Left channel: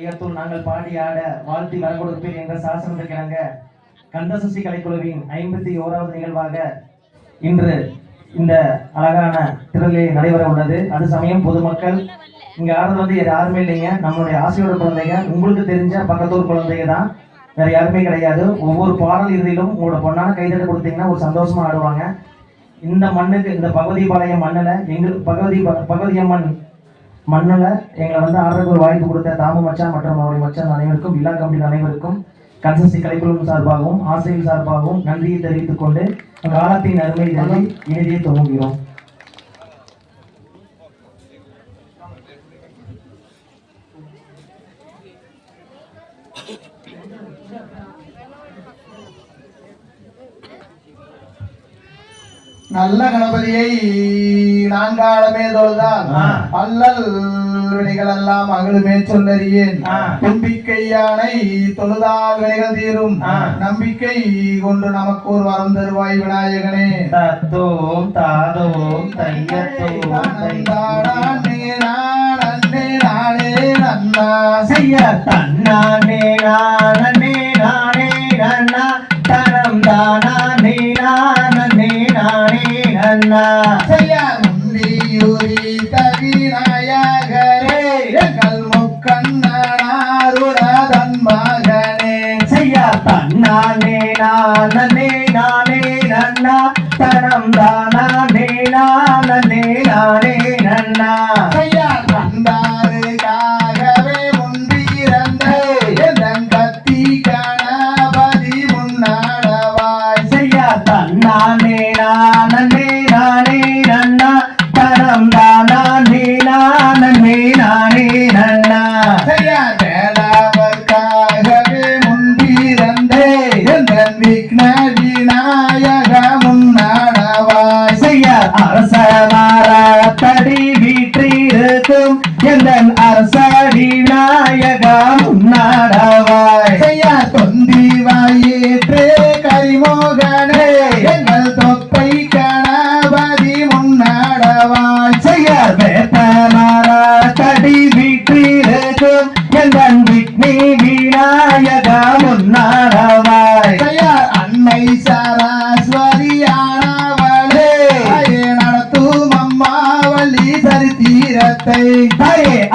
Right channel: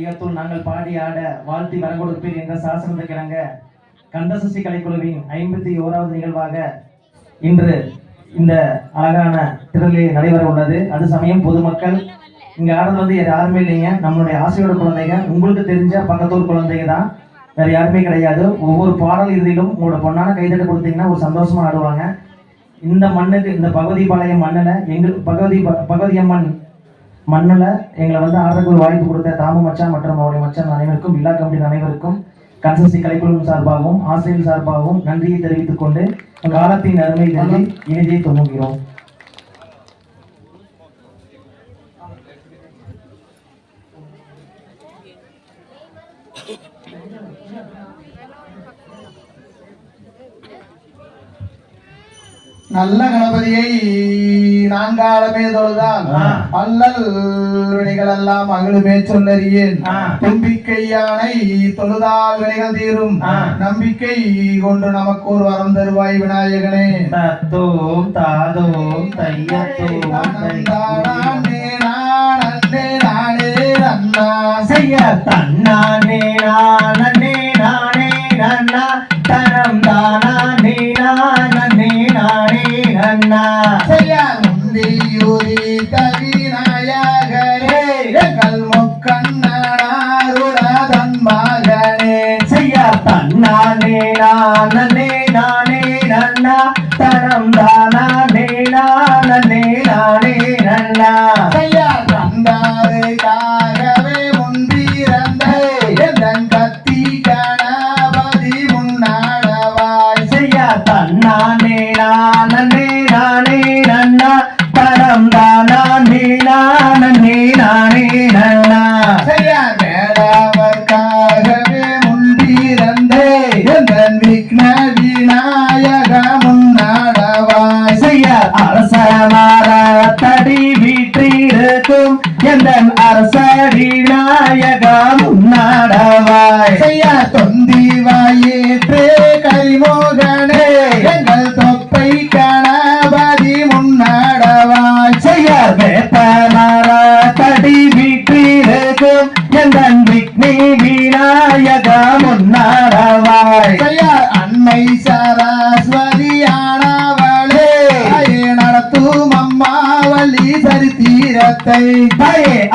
நாங்கள் பாடி ஆட வாழ்த்தி வரங்கொடுப்பீர் என்ற சாசனத்துக்கு இணங்க கந்தசஷ்டி கலைக்குழுவின் 51வது நிகழ்வாக இன்று இந்த அழகான திரளே நடைபெற உள்ளது. அது சமயம் பொதுமக்கள் இங்க ஆடுறது வந்து யாருமே இல்லைங்க, நம்மளுடைய ஆசிரியர் குழந்தைங்க, உங்களுக்கு தெரிஞ்ச பக்கத்தூர் குழந்தைங்க தான், வேற யாருமே கிடையாது. ஒவ்வொரு பாடல் இறுதியிலும் உங்களோட பொண்ணான கைதட்ட கொடுத்தீங்கன்னா ஒரு சந்தோஷமா ஆடுவாங்க. இந்த மண்ணுக்கு, இந்த பகவதிபாளையம் மண்ணில் பகவதியம்மன் மண்ணில் எங்களை வந்து ஆடுறதுக்கு ஒரு வாய்ப்பு கொடுத்த தாமு மச்சான் மற்றும் அவருடைய மச்சான் அனைவருக்கும், விழா கமிட்டி அனைவருக்கும், கன்சஸ்டி கலைக்குழு சார்பாகவும் ஆசிரியர் சார்பாகவும் நன்றியை தெரிவித்துக் கொண்டு காலத்தின் அருமை நன்றி இனிதியை துவங்குகிறோம். நல்ல கணபதியை நான்காலமே தொழுதான் அல்லல் வினைகள் எல்லாம் அகலுமே சொல்லறியேன். தும்பிக்கை யானை தொழுதால் வினைகள் தீரும், நம்பிக்கை கொண்டு நமக்கு ஒரு வரம் தருவாய் விநாயகனே. தத்தோம் தாதோம் தையத்தோம் நானே நானே நன்னா செய்ய தன்னானே நானே நானே நன்னா தனம் தானே நானே நானே நன்னா செய்ய முந்தியூரி கவிநாயகரே எங்கள் முக்கண்ணாருடன் மகனே. செய்ய தன்னானே நானே நானே நன்னா தனம் தானே நானே நானே நன்னா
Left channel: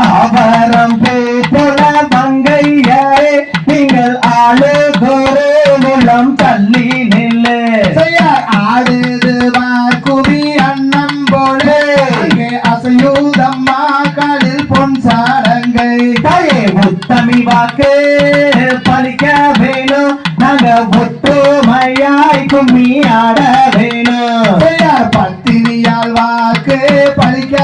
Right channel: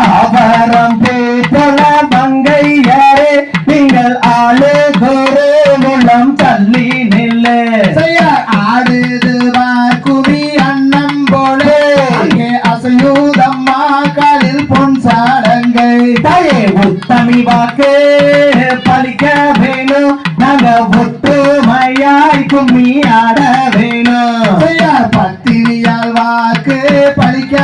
ஆபரம் பேத்தல மங்கையரே நீங்கள் ஆளு கோரு நிலம் தள்ளி நில்லு. ஆடுது குவி அண்ணம் போலே அங்கே அசையூதம்மா காலில் பொன் சாடங்கை. தாயே உத்தமி வாக்கு பலிக்க வேணும், நாங்க ஒற்றுமையாய் கும்மி ஆட வேணும். பத்தினியால் வாக்கு பலிக்க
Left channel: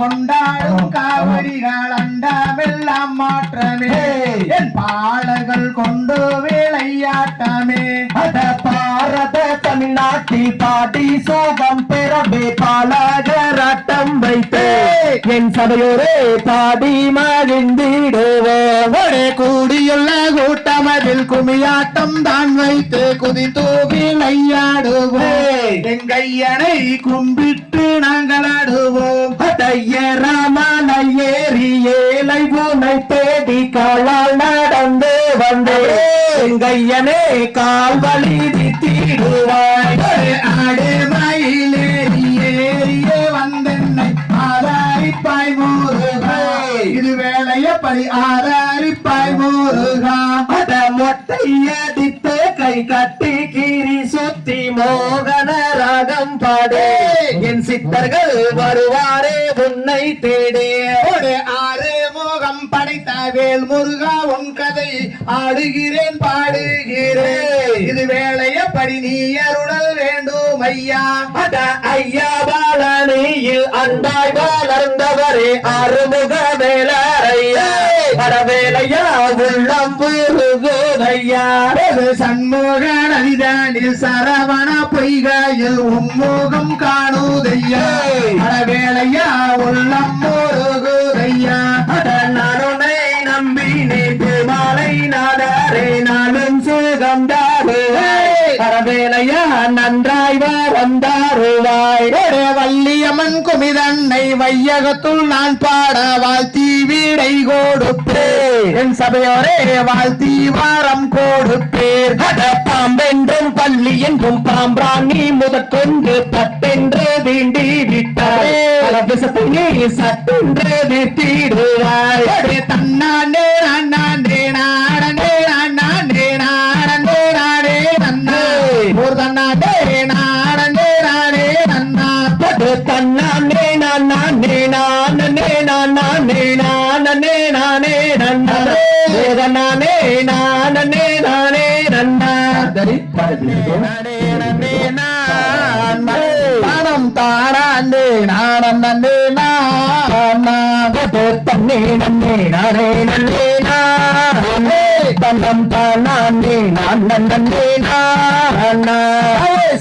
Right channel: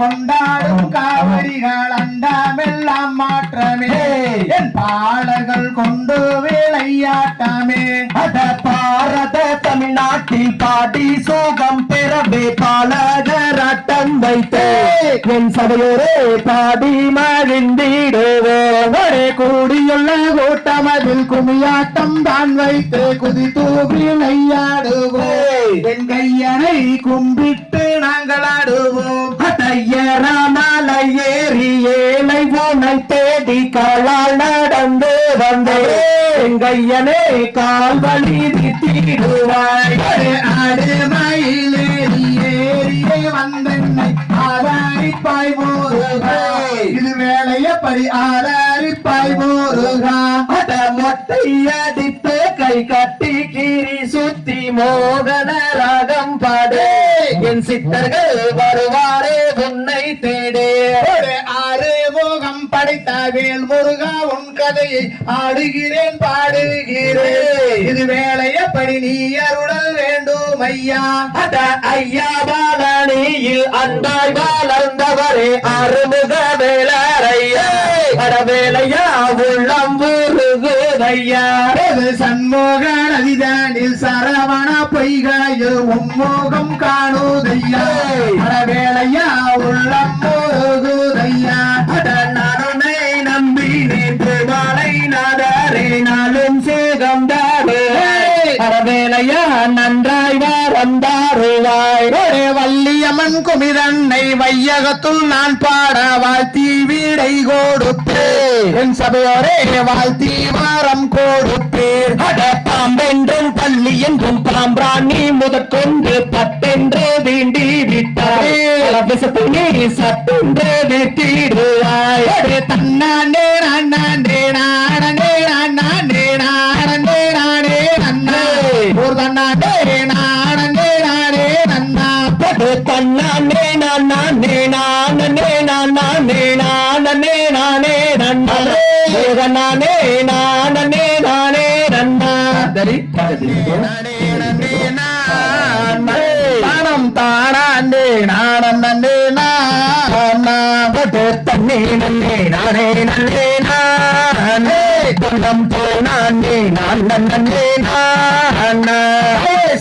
கொண்டாடும் காவரிகள் அண்டாமெல்லாம் மாற்றமே என் பாடல்கள் கொண்டு விளையாட்டமே. அத பாரத தமிழ்நாட்டில் பாடி சோகம் பெறவே பாலகராட்டம் வைத்து என் சபையோரே பாடி மகிழ்ந்திடுவோம். ஒரே கூடியுள்ள கூட்டமதில் குமியாட்டம் தான் வைத்து குதி தூவி மையாடுவோம். என் கையனை கும்பிட்டு நாங்கள் ஆடுவோம். ஐயராமலை ஏறி ஏழை உனை தேடி காலால் நடந்து வந்தேன் கையனே கால்வழி தீடுவாய் ஆடு மயிலேறி ஏறியே வந்தென்னை ஆதாரிப்பாய் முருகா இது வேலையப்படி ஆதாரிப்பாய் முருகா அத மொட்டையடித்து கை கட்டி கீரி சுத்தி மோகன ராகம் பாடு என் சித்தர்கள் வருவாரே உன்னை தேடே ஆறு மோகம் படைத்த வேல் முருகா உன் கதையை ஆடுகிறேன் பாடுகிறேன் இது வேலையப்படி நீ அருளல் வேண்டும் ஐயா அத ஐயா பாலனியில் அன்பாய் வளர்ந்தவரே அருமுக வேலையா வேலையா உள்ளம் முருகோதையா சண்முக நதிதானில் சரவண பொய்காயில் உம்மோகம் காணுதையா வேலையா உள்ளம் முருகோதையா நானே நம்பினே பெருமாளை நாடாரே நாளும் சுகம் தாரே வேலையா நன்றாய் வந்தாருவாய் வள்ளியம்மன் குமிதன்னை வையகத்துள் நான் பாட வாழ்த்தி வீடை கொடுப்பேன் என் சபையோரே வாழ்த்தி வாரம் கொடுப்பேன் பாம்பென்றும் பள்ளி என்றும் பாம்பாணி முதற்கொண்டு பட்டென்று தீண்டி விட்டாரே நீ சட்டென்று தீடுவாய் தன்னானே நானே நானே நானே நானே நானே நன்னே ஒரு தன்னானே நானே நானே நன்னா தன்னானே நானே நானே நானே நானே நானே நன்னா நானே நானே நானே நன்னா தரி நானம் தானே நானே நானா தன்னே நன்னே நானே நன்னே நானே தன்னம் தானே நான் நன்னே நானா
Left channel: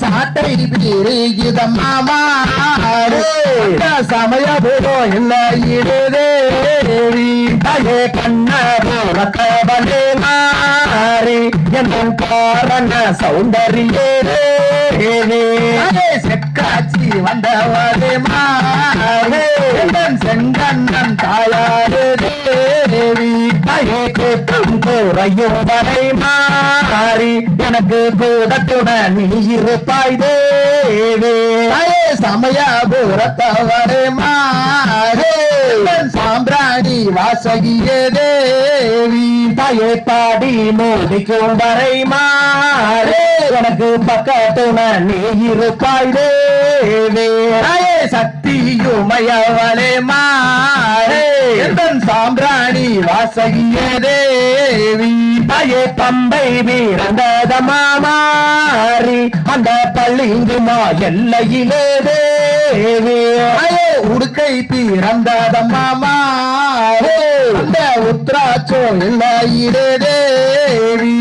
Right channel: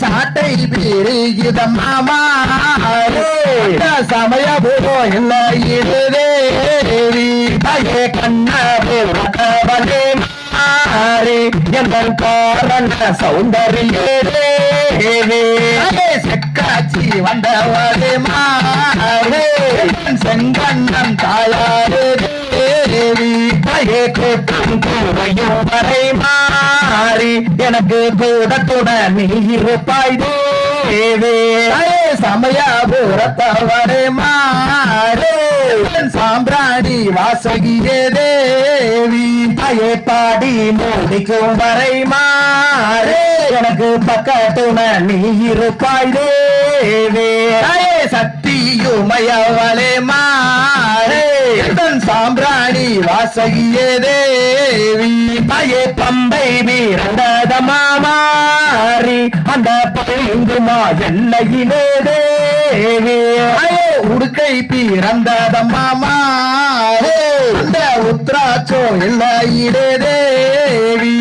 சாட்டை பிரிகிதம் மாமா சமயபுரோ இல்லையிரேவி பயே கண்ணரோ கவலே மாறி என் காரண சௌந்தரியே செக்காச்சி வந்தவரே மாறே செங்கண்ணன் தாயாரே தேவி பயே கேட்கும் குறையும் வரை மாறி எனக்கு கூட கூட நீ இருப்பாய் தேவி சமயபுரத்தவரே மாறே சாம்பிராணி வாசகியே தேவி தாயே பாடி மோதிக்கும் வரை மாறே எனக்கு பக்கத்துண நீ இருப்பாய் தேவி தாயே சக்தியுமையவளே மாறே சாம்பிராணி வாசகியே தேவி தாயே பம்பை வீரந்தத மாறி அந்த பள்ளிங்குமா எல்லையிலே தேவி உடுக்கை பிறந்ததம்மா மாறே அந்த உத்ராச்சோ எல்லையிலே தேவி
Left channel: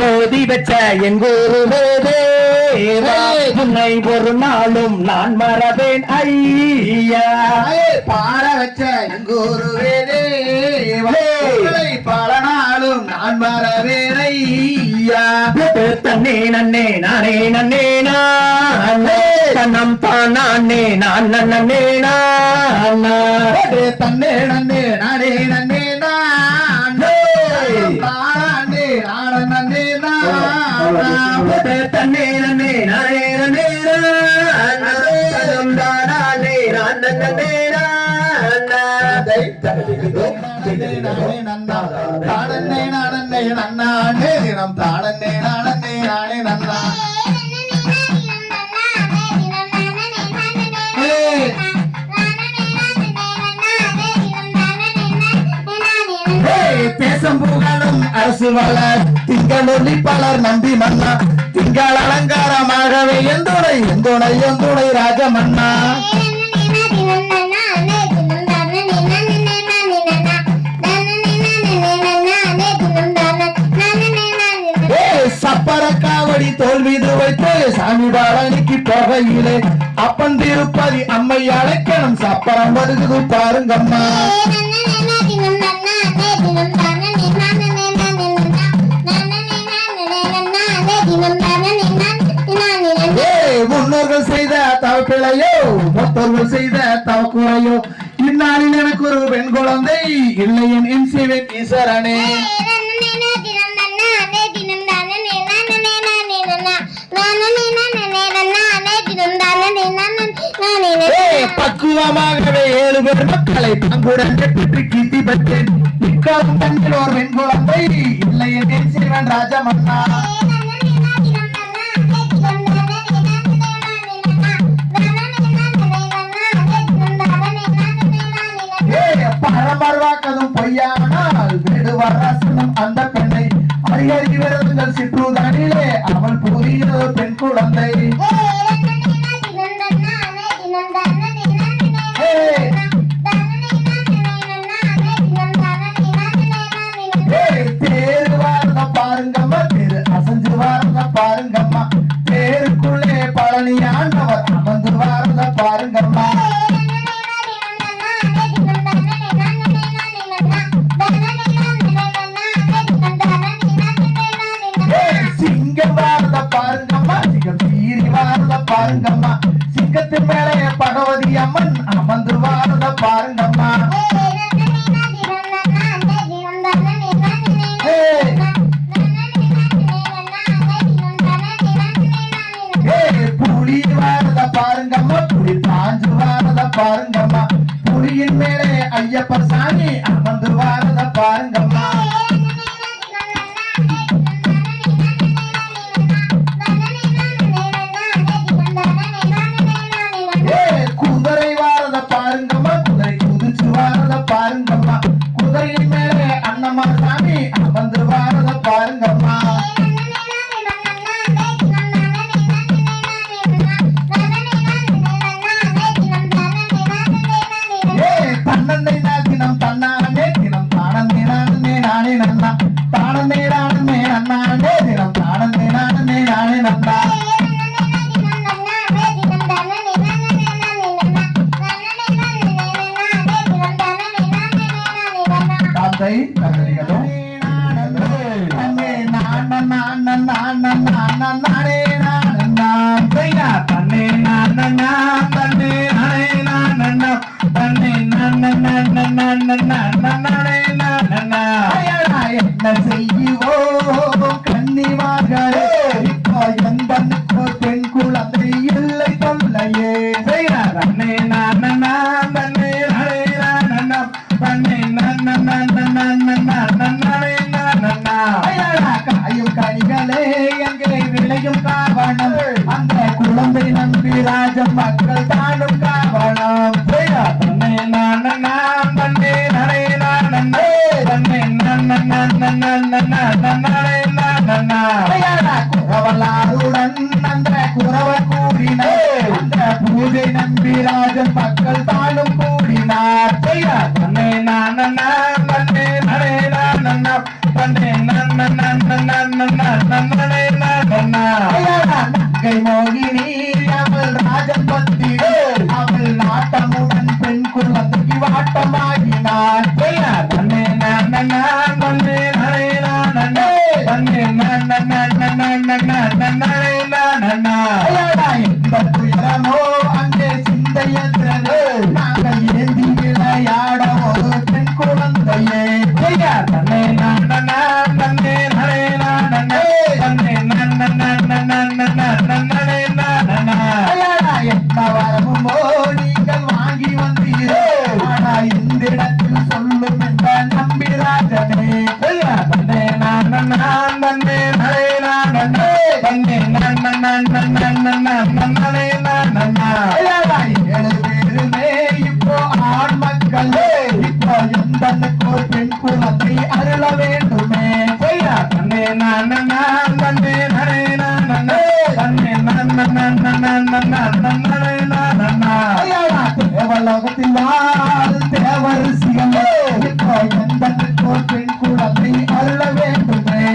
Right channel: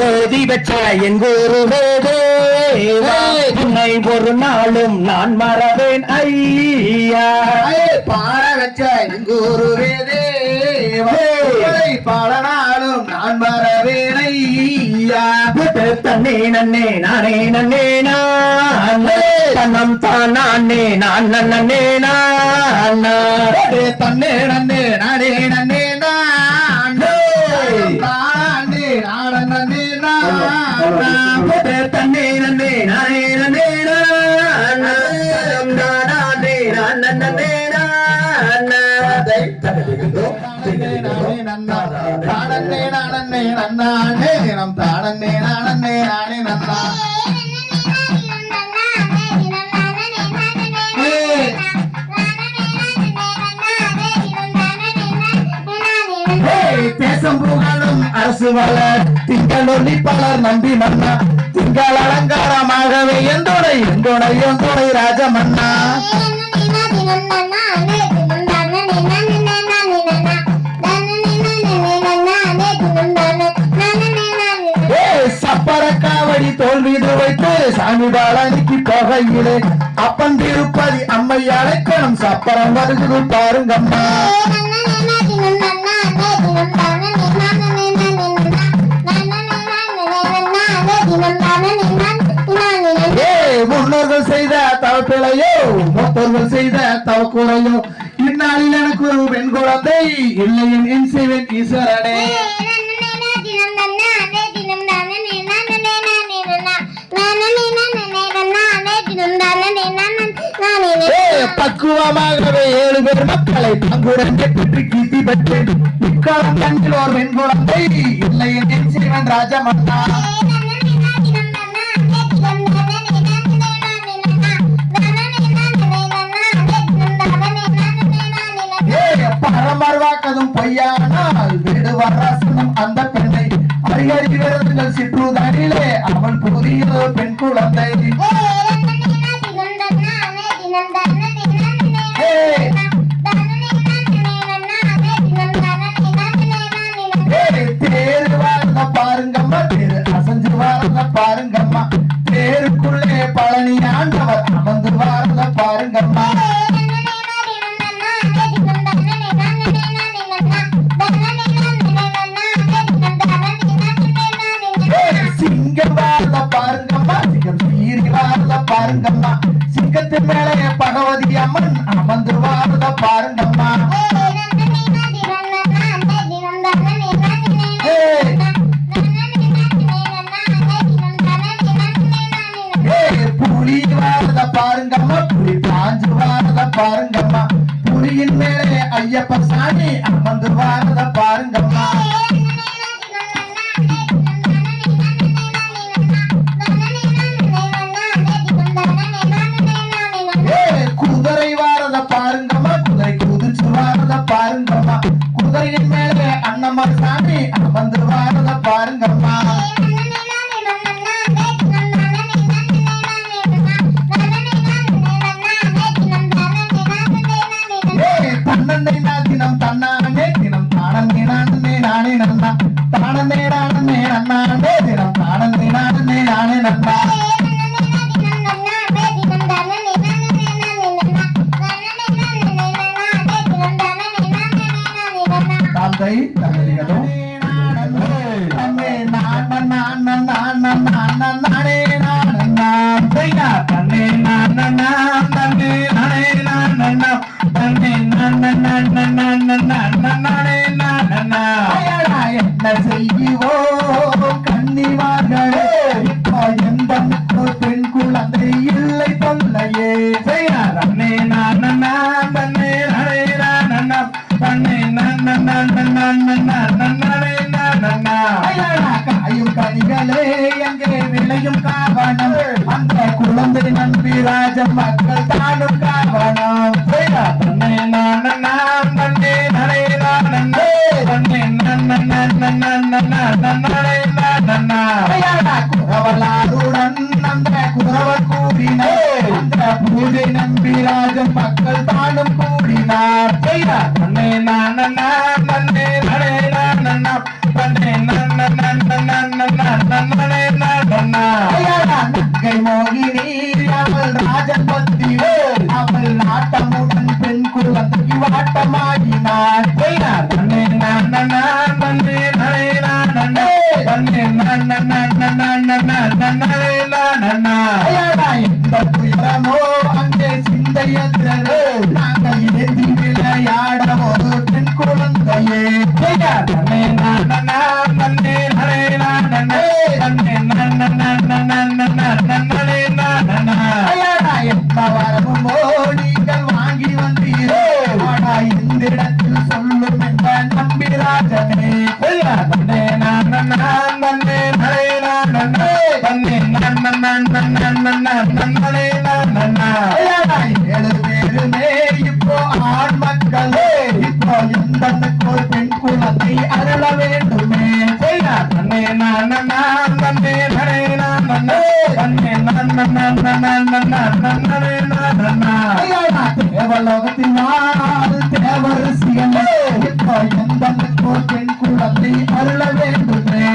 வேதி வச்ச எங்கூருவே தேவி உன்னை ஒரு நாளும் நான் மறவேன் ஐயா பாட வச்ச எங்கூருவே தேவி பல நாளும் நான் மறவேன் ஐயா தன்னே நன்னே நானே நன்னே நானே தன்னம் தானே நான் நன்னே நானே தன்னே நன்னே நானே நன்னே நானே தானே நான் நன்னே நானே தன்னே நன்னே நானே நன்னே நானே தானே நான் நன்னே நானே தானே நானே நன்னானே தினம் தானே நானே நானே நன்னா தேசம் புகழும் அரசு வளர் திங்களொலி பலர் நம்பி மன்னா திங்கள் அலங்காரமாகவே எந்துணை எந்துணை எந்துணை ராஜமன்னா சப்பரக்காவடி தோல் மீது வைத்து சாமி பாலனிக்கு போகையிலே அப்பன் திருப்பதி அம்மை அழைக்கணும் சப்பரம் வருது பாருங்கம்மா முன்னோர்கள் செய்த தவப்பிழையோ மொத்த முன்னோர்கள் செய்த தவக்குறையோ இந்நாளில் எனக்கு ஒரு பெண் குழந்தை இல்லை என் செய்வேன் ஈஸ்வரனே. பக்குவமாகவே 7 பேர் மக்களை பங்குடன் பெற்று கீர்த்தி பெற்றேன். இக்காலம் கண்ணில் ஒரு பெண் குழந்தை இல்லை என் செய்வன் ராஜமன்னா. பரமர்வாக்கதும் பொய்யானால் வேடுவராசனம் அந்த பெண்ணை அறியறி விரதங்கள் சிற்றுதனிலே அவள் புதிய பெண் குழந்தை. தேரு வாழ்ந்த பாருங்கம்மா, தேரு அசைஞ்சு வாழ்ந்த பாருங்கம்மா, தேருக்குள்ளே பழனி ஆண்டவர் அமர்ந்து வாழ்ந்த பாருங்கம்மா. சிங்கம் வாழ்ந்த பாருங்கம்மா, சிங்கம் சீறி வாழ்ந்த பாருங்கம்மா, சிங்கத்தின் மேலே பகவதி அம்மன் அமர்ந்து வாழ்ந்த பாருங்கம்மா. புலி வாழ்ந்த பாருங்கம்மா, புலி பாஞ்சு வாழ்ந்த பாருங்கம்மா, புலியின் மேலே ஐயப்ப சாமி அமர்ந்து வாழ்ந்த பாருங்கம்மா. குதிரை வாரத பாருங்கம்மா, குதிரை குதிச்சு வாரத பாருங்கம்மா, குதிரையின் மேலே அண்ணம்மா சாமி அமர்ந்து வாரத பாருங்கம்மா. தன்னே தினம் தன்னானே தினம் தானே நானே நானே நன்னா, தானே நானே அண்ணானே தினம் தானே நானே நானே நன்னா. தந்தை தந்தைகளே என்ன செய்வோ கன்னிவார்களே, இப்போ எந்த பெண் குழந்தை இல்லை தொல்லையே. தன்னை நானே தன்னை காயும் கனிகளே எங்கே விளையும் காவணம், அந்த குழந்தை நம்பி ராஜன் மக்கள் தானும் காவணம். தன்னை குறவலாருடன் அந்த குறவர் கூடினார், அந்த பூஜை நம்பி ராஜன் மக்கள் தானும் கூடினார். தன்னை நங்கை மோகினி அவள் ராஜன் பத்திரே, அவள் நாட்டமுடன் பெண் குழந்தைக்கு வாட்டமாகினார். தன்னை இந்த துயரமோ அங்கே சிந்தையற்றது, நாங்கள் ஏந்தி விளையாட ஒரு பெண் குழந்தையே. தன்னை என்ன வரமோ நீங்கள் வாங்கி வந்தீரே, ஆனா இந்த இடத்தில் சொல்லும் என்ற நம்பிராஜனே. ஏழு பேருமே இப்போ ஆண் மக்களே, இப்போ எந்த பெண் குழந்தை அருள வேண்டுமே. தேவலோகத்தில் வாழ் தேவரிசிகளே, இப்போ எந்த பெண் குழந்தை அருள வேண்டுமே.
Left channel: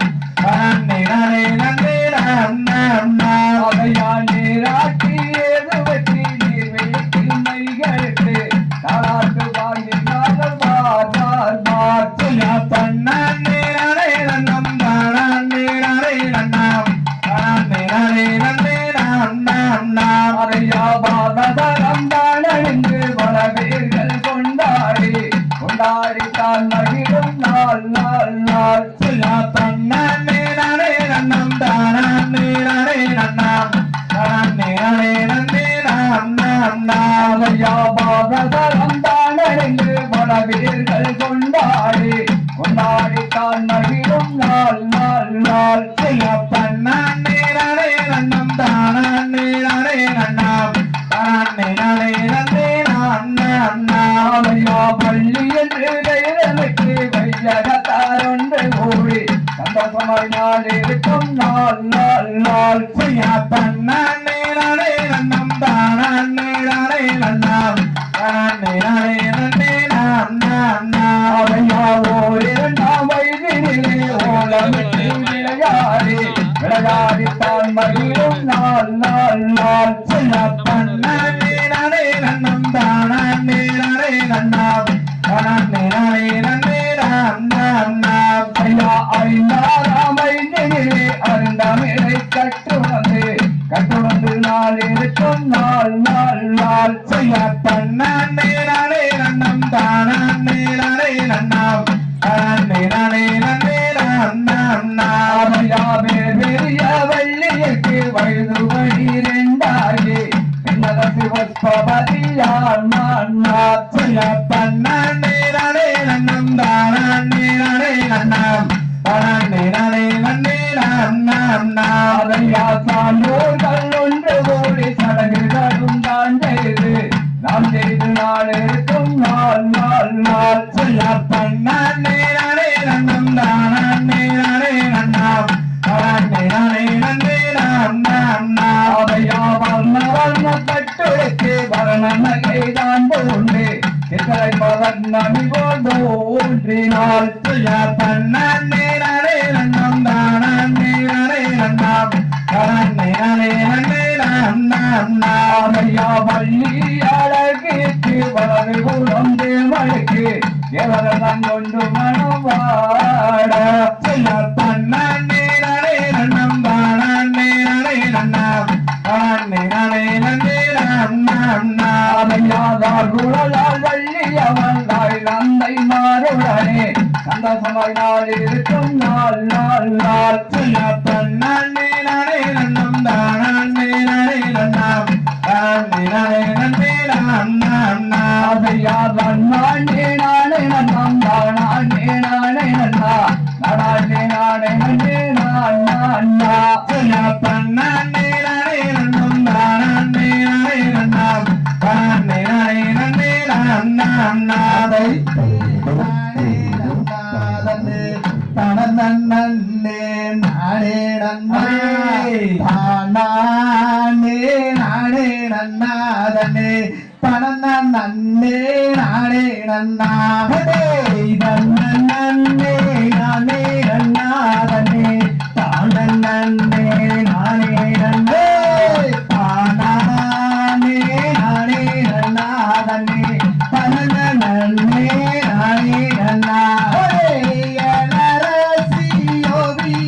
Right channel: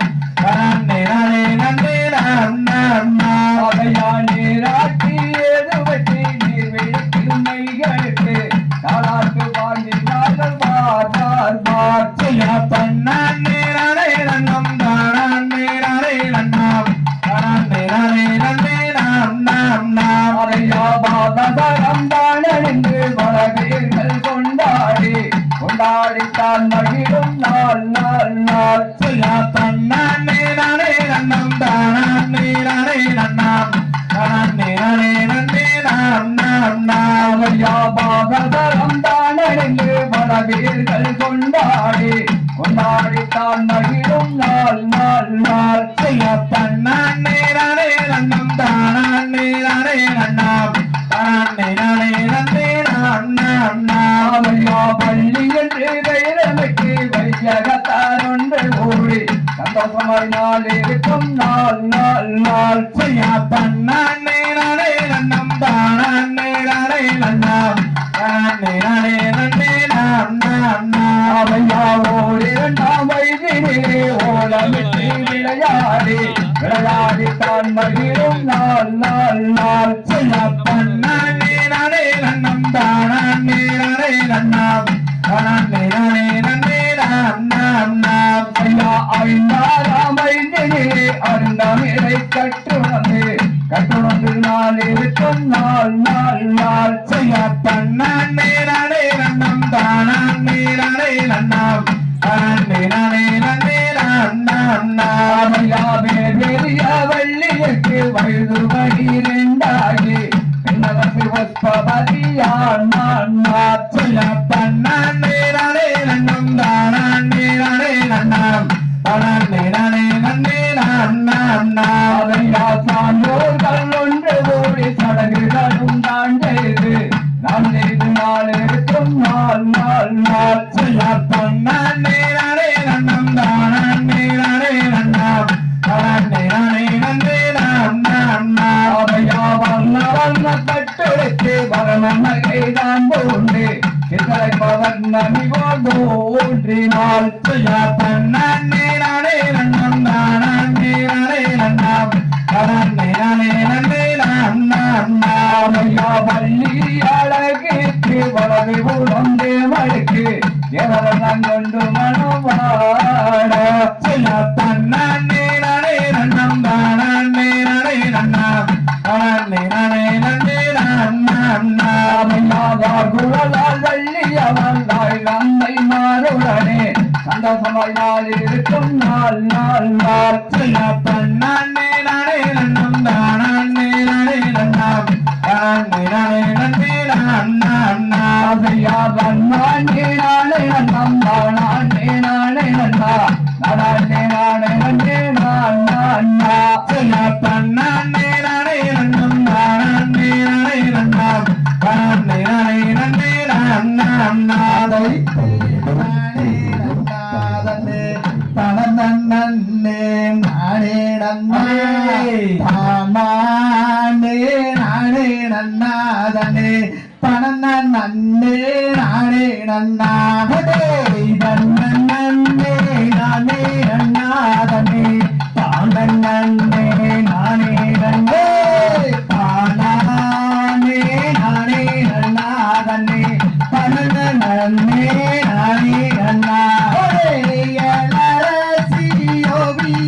நன்னாம் நன்னே நானே நன்னே நன்னா அதையா நீராட்டி ஏது வெற்றி நீர் வெடிக்கும் மைகளுக்கு தாளாட்டு வாங்கி நாளும் பார் பார் பார் செய்யா தன்னே நானே நன்னம் தானே நானே நன்னாம் நன்னே நானே நன்னே நன்னா அதையா பாதரம் தானறிந்து மலவீர்கள் கொண்டாடி கொண்டாடித்தான் மகிழும் நாள் நாள் நாள் செய்யா தன்னே நானே நன்னம் தானே நானே நன்னாம் நன்னே நானே நன்னே நன்னா அதையா பாதரம் தானறிந்து மலவீர்கள் கொண்டாடி கொண்டாடித்தான் மகிழும் நாள் நாள் நாள் செய்யா தன்னே நானே நன்னம் தானே நானே நன்னாம் நன்னே நானே நன்னே நன்னா அவையா பள்ளி என்று தைரமைக்கு வையகத்தாரொன்று கூடி சந்தோஷமாய் நாள் இருக்கும் நாள் நாள் நாள் செய்யா தன்னே நானே நன்னம் தானே நானே நன்னாம் நன்னே நானே நன்னே நன்னா அவையா ஓரிரண்டாம் வயதிலே ஓலமிட்டு விளையாடி விளையாடித்தான் மகிழும் நாள் நாள் நாள் செய்யா தன்னே நானே நன்னம் தானே நானே நன்னாம் நன்னே நானே நன்னே நன்னா ஐயா ஐந்தாராம் ஐந்திலே அருந்தமிழை கட்டுணர்ந்து கட்டுணர்ந்து நாள் இருக்கும் நாள் நாள் நாள் செய்யா தன்னே நானே நன்னம் தானே நானே நன்னாம் நன்னே நானே நன்னே நன்னா அவையா பெரிய வெள்ளியக்கு வயது பனிரெண்டாகி பின்னதற்கு புஷ்பபதியான் நாள் செய்யா தன்னே நானே நன்னம் தானே நானே நன்னாம் நன்னே நானே நன்னே நன்னா அவையா சான்றோர்கள் ஒன்று கூடி சடங்குகளும் தான் செய்து நாம் செய்து நாள் இருக்கும் நாள் நாள் நாள் செய்யா தன்னே நானே நன்னம் தானே நானே நன்னாம் நன்னே நானே நன்னே நன்னா அவையா வர்ண வர்ண பட்டுரைக்கு வர்ண நகை தான் உண்டு சித்தரை பவர்ணமி தோன்றினாள் செய்யா தன்னே நானே நன்னம் தானே நானே நன்னாம் நன்னே நானே நன்னே நன்னா அவையா வள்ளி அழகிற்கு வலது புலந்து மழுக்கு எவரெல்லாம் கொண்டு மனவாட செய்யா தன்னே நானே நன்னம் தானே நானே நன்னாம் நன்னே நானே நன்னே நன்னா அவையாதார் குழலால் வள்ளி அவளாய் நந்தை மாறுடனே சந்தோஷமாய் நாள் இருக்கும் நாள் நாள் நாள் செய்யா தன்னே நானே நன்னம் தானே நானே நன்னாம் நன்னே நானே நன்னே நன்னா அவையா வண்ணாண்டே நானே நன்னம் தானே நானே நன்னா நானே நானே நன்னே நான் நன்னா செய்யா தன்னே நானே நன்னம் தானே நானே நன்னாம் நன்னே நானே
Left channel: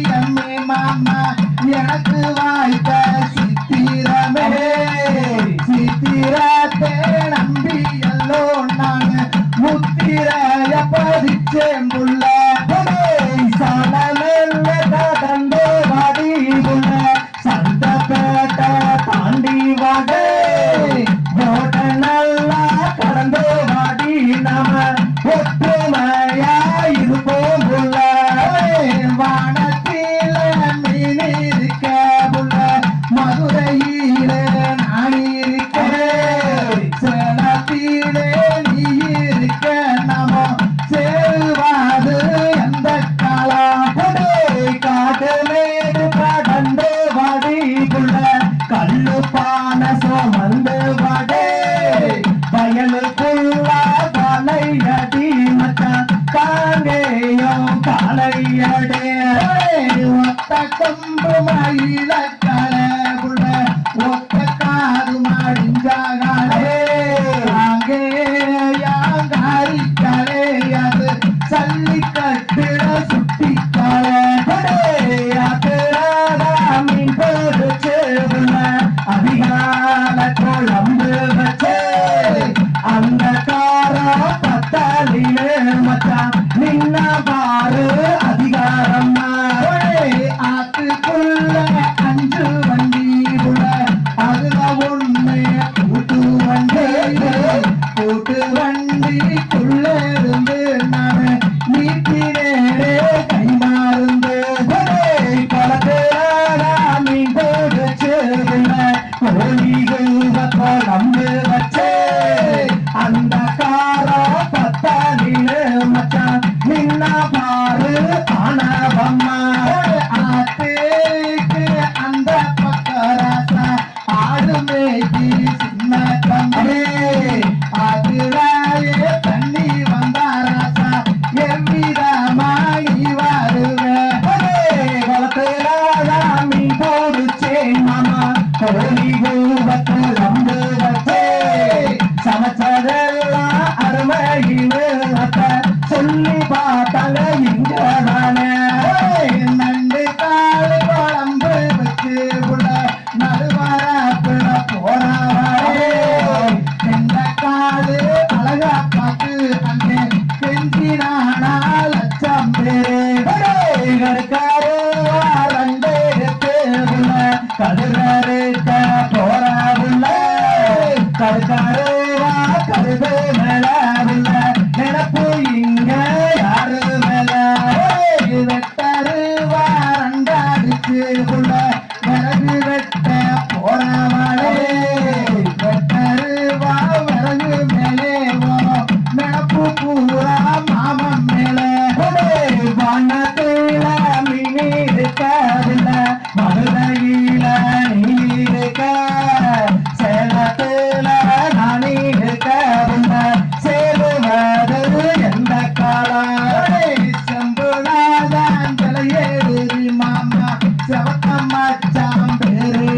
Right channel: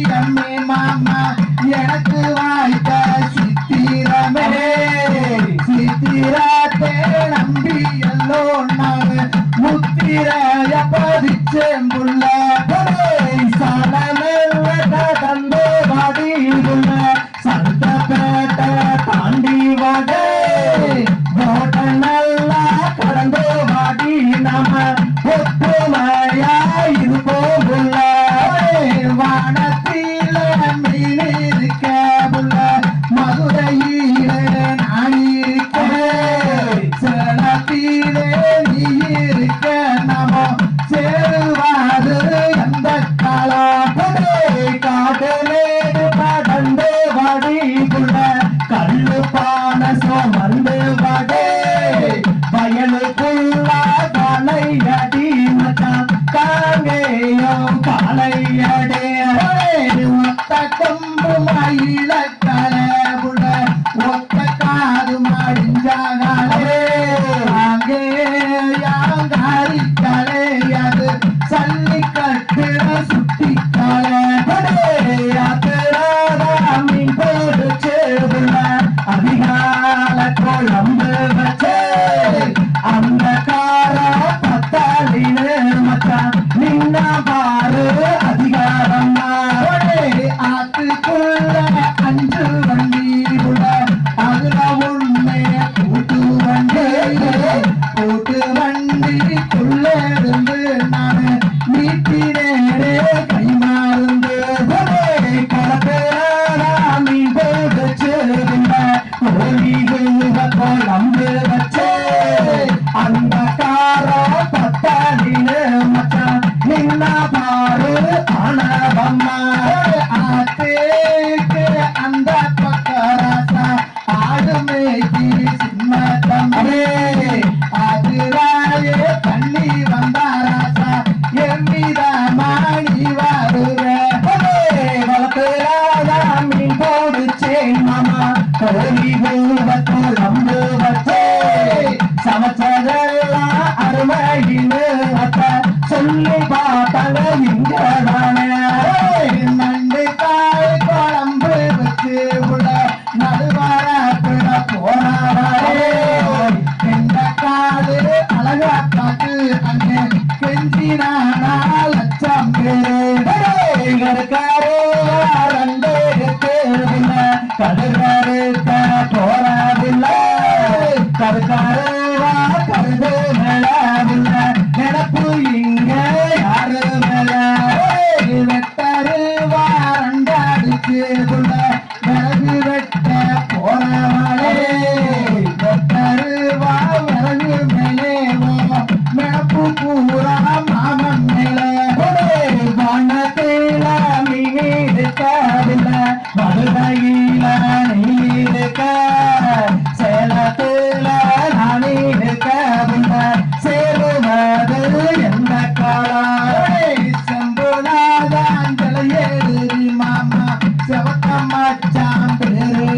நன்னே நன்னா எனக்கு வாய்த்த ஒன்று மயில கலபுட ஒத்த காது மடிஞ்சாகாலே அங்கே யாங்காரி கலை அது சல்லி கட்டிட சுட்டி கலை மீன் போச்சு அதிகால குழம்பு வச்சே அந்த காரா பத்தாளின்னு மச்சான் நின்ன பாரு அதிகாரம் ஆத்துக்குள்ள 5 வண்டி கூட அதுல உண்மைய கூட்டு வண்டிக்குள்ள இருந்து நான் நீட்டினேரே கை மாறுந்து களத்துல மீன் போச்சு குழம்பு வச்சே அந்த கார பத்தாளின்னு மச்சான் நின்ன பாரு ஆனவம்மா ஆத்தேக்கு அந்த பக்கராசா ஆடுமே சின்ன தம்பி அதுராயே தண்ணி வந்தாராசா எவ்விதமா நீ வருவேன் மீன் போடுச்சேன் மாமா கோழி குழம்பு வச்சே சமைச்சதெல்லாம் அருமையின்னு சொல்லி பார்த்தாங்க இங்கதானே நண்டு காய் குழம்பு வச்சு உள்ள நடுவார போறாரே இந்த காடு அழகா பார்த்து அங்கே கெஞ்சினானா லட்சம் பேரு ரெண்டு கடுகாருக்க போறாதில்லை கருக்காருவா கருது மேலாதில்லை நினப்பு இங்க யாரு மேல வெட்டருவா ரெண்டாடிச்சு உள்ள விறகு வெட்ட போறவளே வெட்டருவா விறகு மேலேவோ நினப்பு பூரா மாமன் மேல வனத்தில மீன் இருக்காதில்லை மதுரையில நீ இருக்க சேலத்துல நான் இருக்கவில்லை சேருவது எந்த காலம் சம்புனாதான் தலையேறி மாமா செவத்த மச்சான் பேரு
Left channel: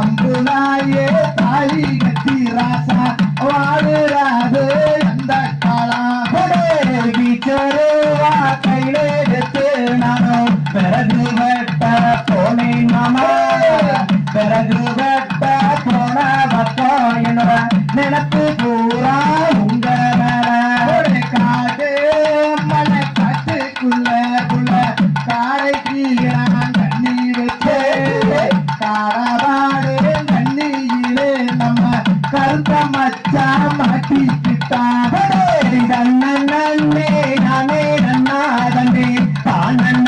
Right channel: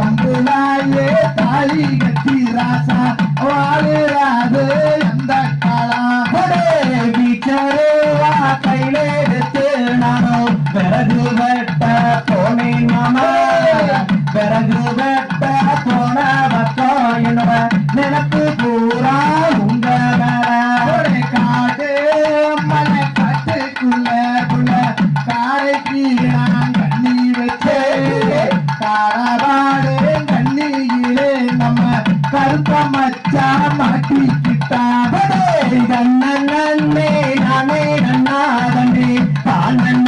அம்புனாயே தாலி கட்டி ராசா வாழுறாது எந்த காலம் வீச்சருவா கையில எடுத்து நானும் பிறகு வெட்ட போனேன் மாமா பிறகு வெட்ட போன பக்கம் என்னோட நினப்பு பூரா உங்க மேல காடு மலை காட்டுக்குள்ள காடைக்கு நான் தண்ணி வச்சு காடபாடு தண்ணியிலே நம்ம கருத்த மச்சா மாட்டிக்கிட்டான் நன்னே நானே நன்னா தம்பி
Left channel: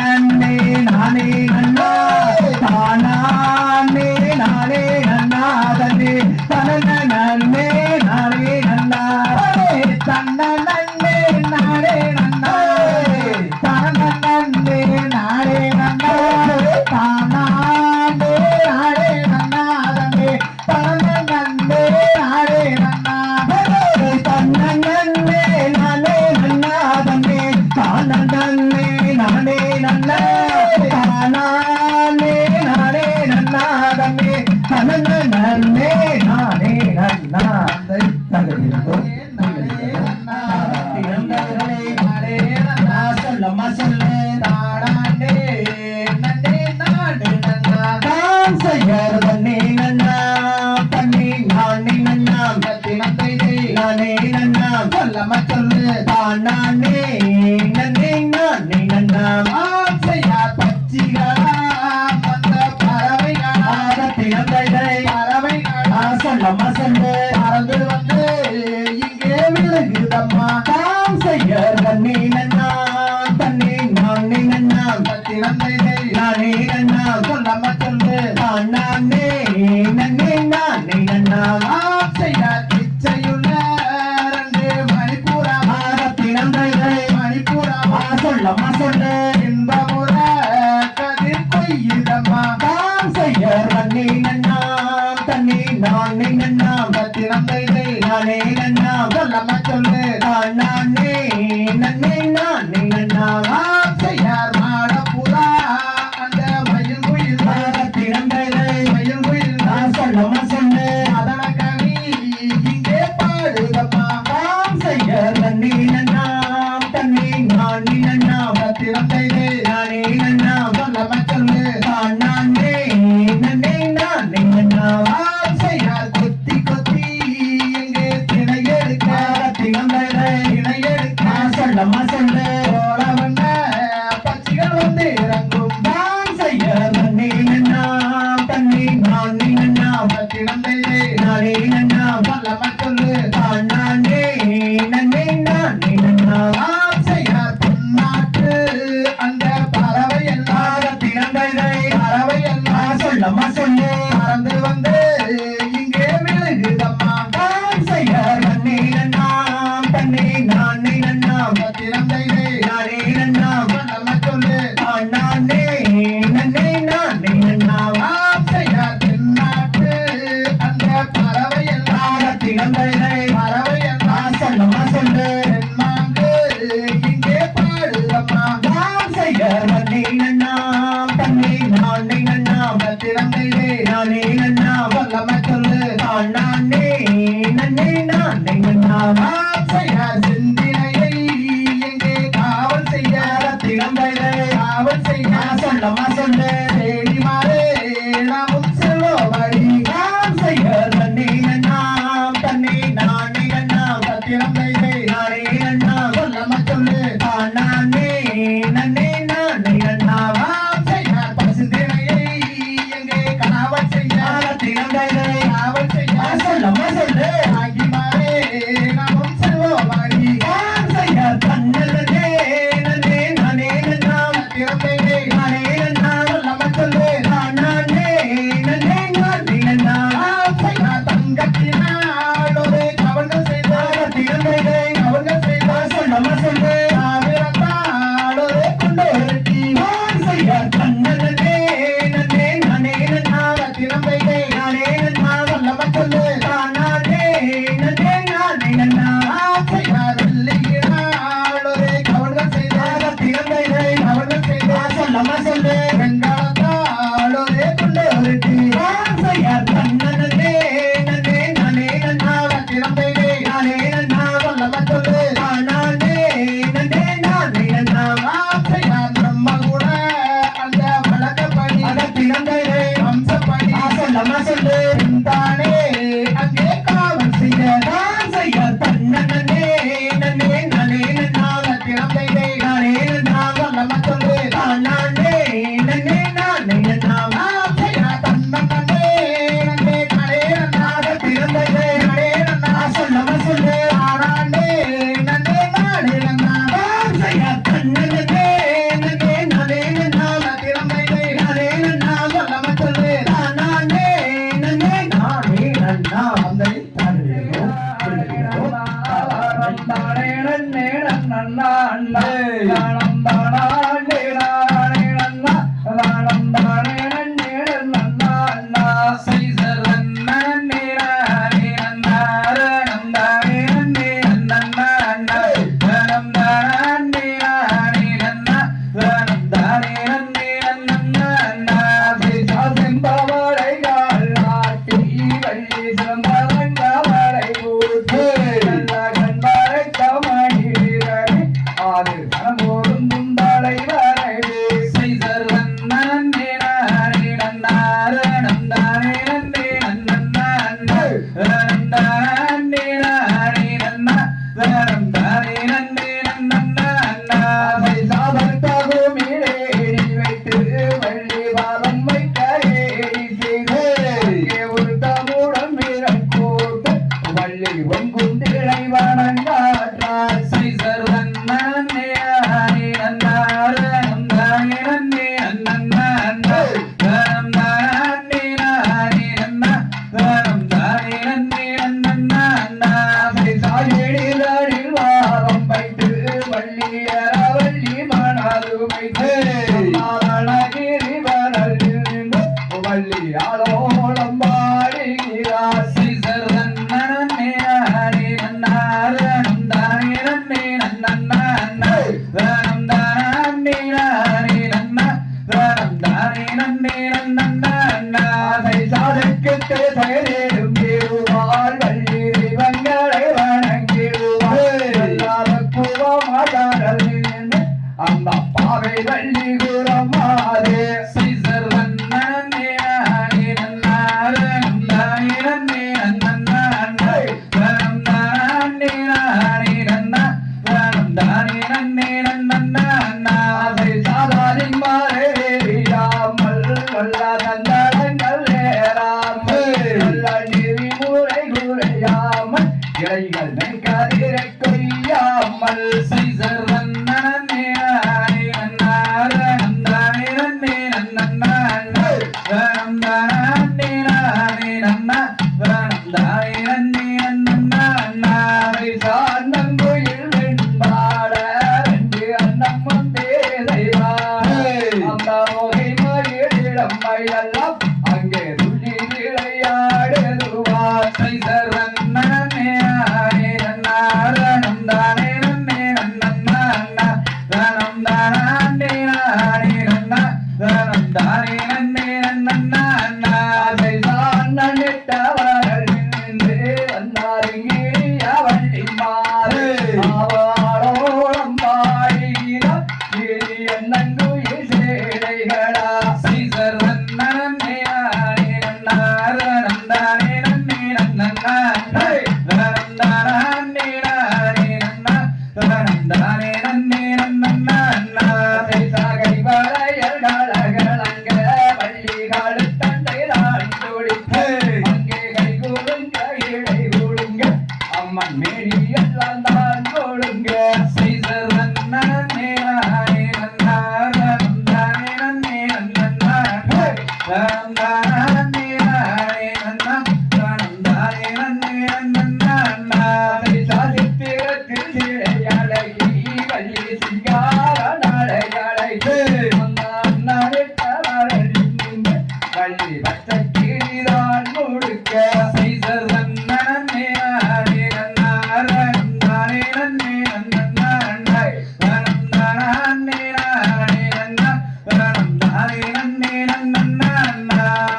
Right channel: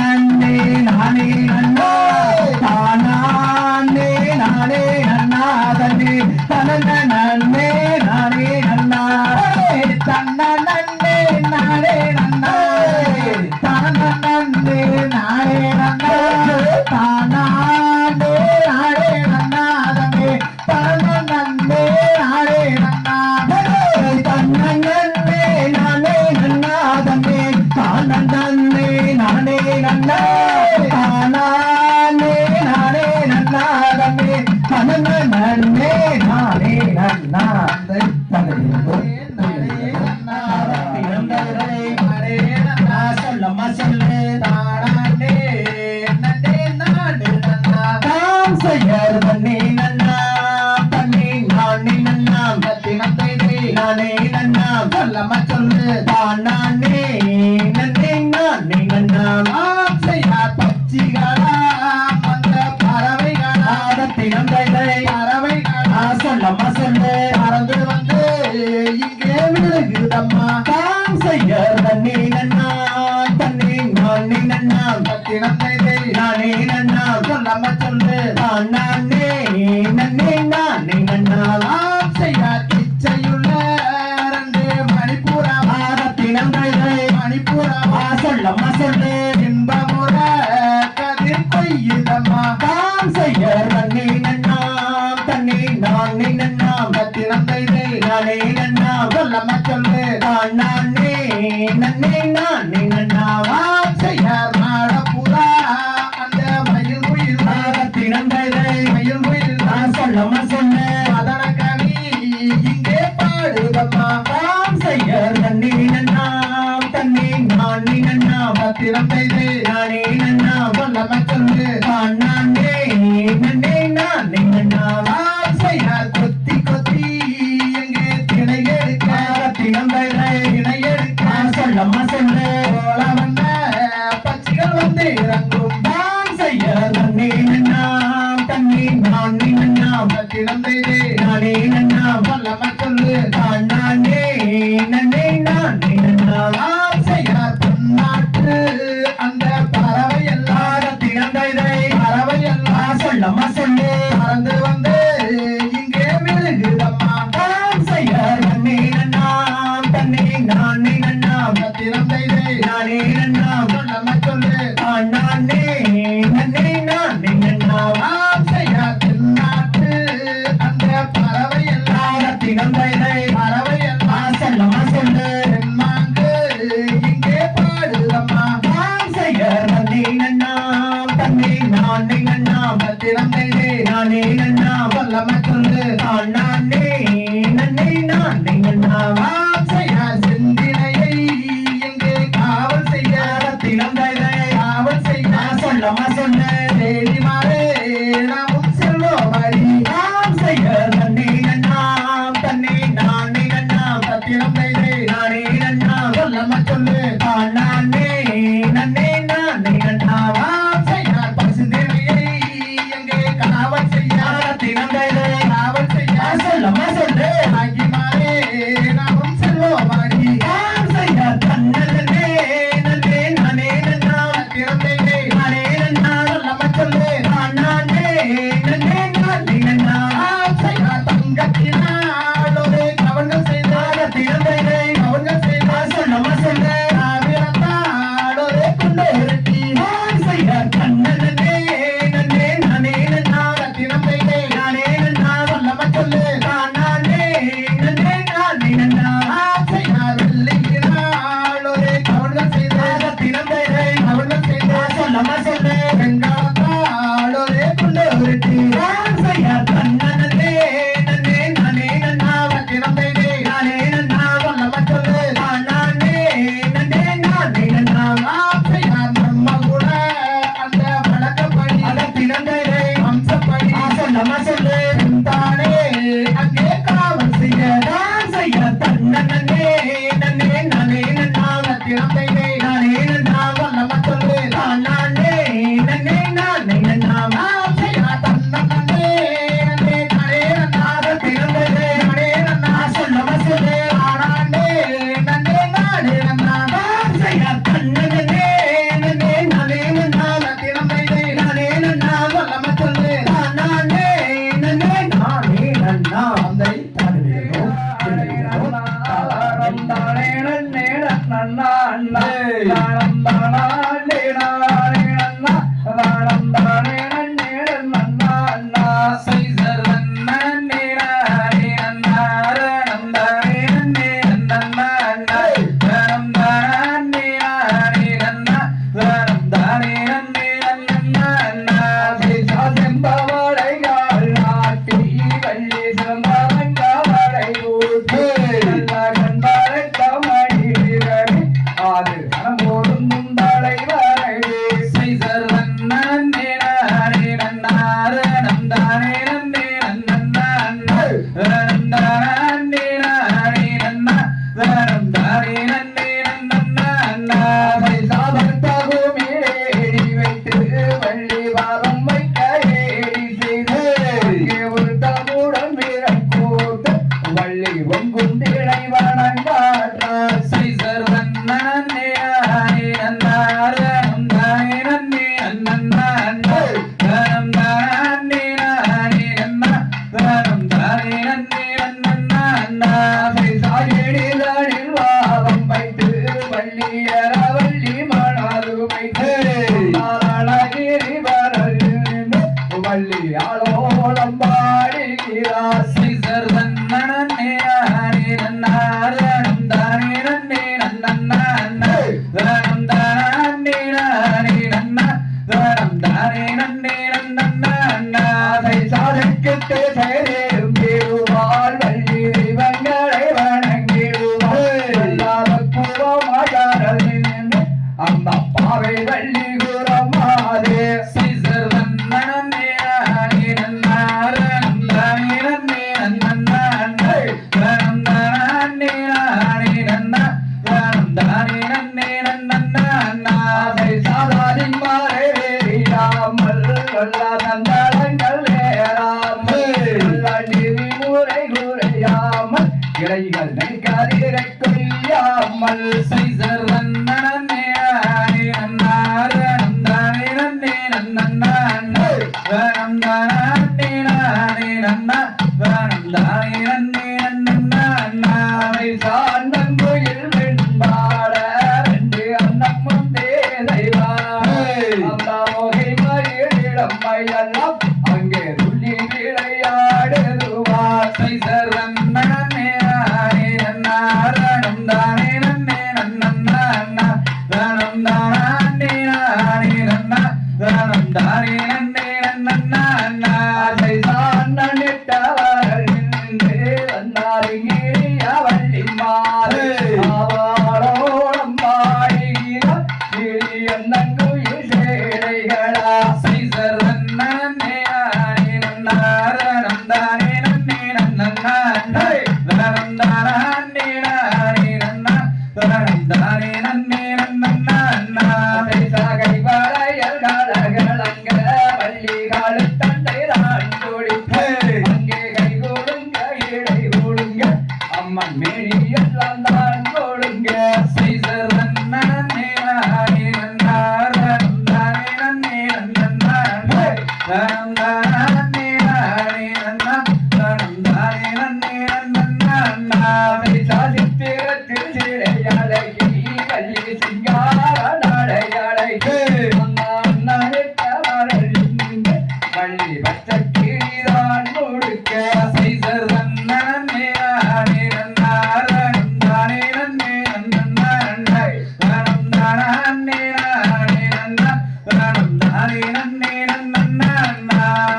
நன்னே நானே நன்னா தானே நானே நானே நன்னே நானே நன்னாவா ஆசையார் தென்னாட்டு அந்த பறவை எல்லாம் தினம்பைதை பறவை எல்லாம் சொல்லமா சொல்லு தென்மாங்கு இங்கே பாடுதம்மா ஆசையர் நன்னே நன்னாம் தன்னே நானே நன்னாம் திறந்தைதே நானே நன்னாம் சொல்லம சொல்லு நானே நன்னே நானே நன்னாம் ஆசையார் செந்தினையை எங்கே காவல் செய்ய தினம்பைதை காவல் செய்ய சொல்லமா சொல்லு தேடி மாறே நாமும் செல்வோமடி ஆசையர் நன்னே நன்னாம் தன்னே நானே நன்னாம் திறந்தைதே நானே நன்னாம் சொல்லம சொல்லு நானே நன்னே நானே நன்னாம் ஆசையார் பசுந்தினையை எங்கே காவல் செய்ய தினம்பைதை காவல் செய்ய சொல்லமா சொல்லு ஆகி மாறே நாமும் செல்வோமடி ஆசையர் தன்னே நன்னே நானே நன்னாம் திறந்தைதே நானே நன்னாம் சொல்லம சொல்லு நானே நன்னே நானே நன்னாம் ஆசையார் தங்கத்தினாலோடு கவனம் செய்தார் தினம்பைதை கவனம் செய்தார் சொல்லமா சொல்லு ஆவிரத்தாலோடு கொண்டு விரட்டி ஆசையர் தன்னே நன்னே நானே நன்னாம் திறந்தைதே நானே நன்னாம் சொல்லம சொல்லு நானே நன்னே நானே நன்னாம் ஆசையார் வெள்ளையினாலோடு கவனம் செய்தார் தினம்பைதை கவனம் செய்தார் சொல்லமா சொல்லு எல்லாம் அங்கே துள்ளி விளையாடுவா சைசர் நன்னே நானே நன்னாரணம் தானே நன்னே நன்னன்னா தனம் தானே நானே நன்னா தனம் தானே நன்னே நன்னா சைசான் நட்டவர்கள் நின்று வந்தாரிங்கே அவள்ளி மாறு ஆவாரோളം பாடுகிறார் என்னங்குயில் சேலைகளா சைசர் நன்னே நானே நன்னாரணம் தானே நன்னே நன்னா தனம் தானே நானே நன்னா தனம் தானே நன்னே நன்னா சைசா கைவளையல் காலகளங்க வள்ளி காலத்தண்டை தான் துடிப்பு அங்கே கை கொடுங்க இடை கொடுங்க அம்மன் மேனி எல்லாம் தான் கொடுங்க சைசர் நன்னே நானே நன்னாரணம் தானே நன்னே நன்னா தனம் தானே நானே நன்னா தனம் தானே நன்னே நன்னா சைசா சித்திரத்தில் சிறையழகி கள்ளி சிங்கார நாளையழகி வள்ளி பச்சை கிளிதான் முழுக்க சைசர் நன்னே நானே நன்னாரணம் தானே நன்னே நன்னா தனம் தானே நானே நன்னா தனம் தானே நன்னே நன்னா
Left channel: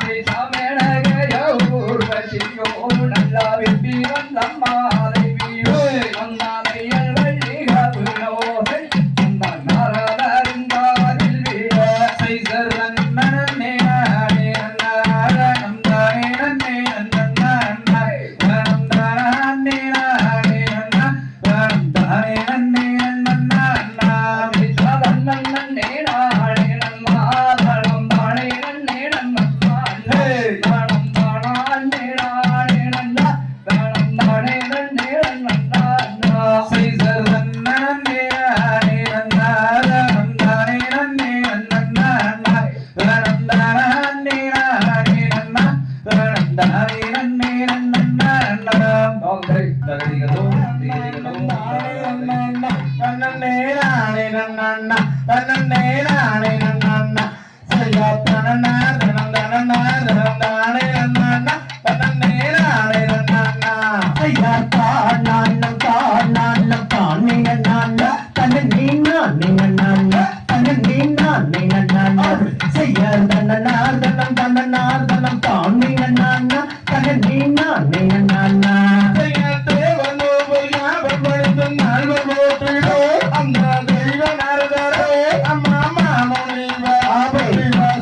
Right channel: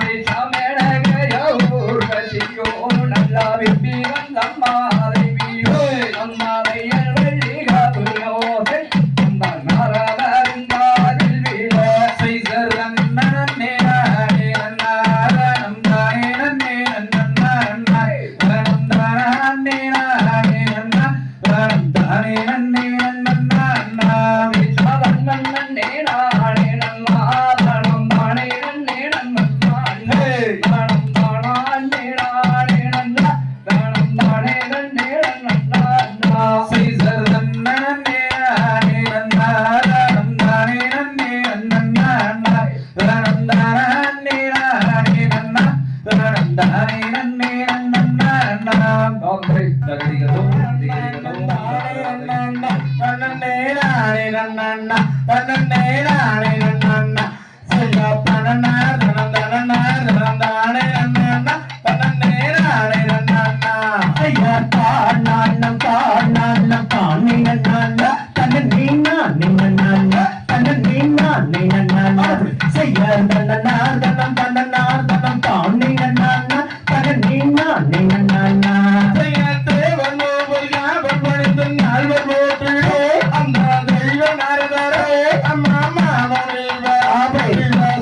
சைசா மேடகையோ ஊர்வசியோ நல்லா விப்பி வந்தம்மாதை வீயோ அம்மாதையல் வள்ளி காதுலோசை அந்த நாராதருங்காதில் வீழ சைசர் நன்னே நானே நன்னாரணம் தானே நன்னே நன்னா தனம் தானே நானே நன்னா தனம் தானே நன்னே நன்னா சைசா நன்னே நானே நன்னா தனம் தானே நன்னே நன்னா தனம் தானே நானே நன்னா தனம் தானே நன்னே நன்னா சைசர் நன்னே நானே நன்னா தனம் தானே நன்னே நன்னா தனம் தானே நானே நன்னா தனம் தானே நன்னே நன்னா ஓகே தகதிகளோ தன்னே நானே நன்னா தன்னே நானே நன்னா சையா தனனா தனம் தனனா தனம் தானே நன்னா தன்னே நானே நன்னா சையா தானன தானன தானே நன்னா தன்னே நானே நன்னா தன்னே நானே நன்னா சையா தனனா தனம் தனனா தனம் தானே நன்னா தன்னே நானே நன்னா சையா தேவனோ போயா படுத்து நாள் போட்டு அம்மா தெய்வ நாரதரே அம்மா மாமனே ஆபே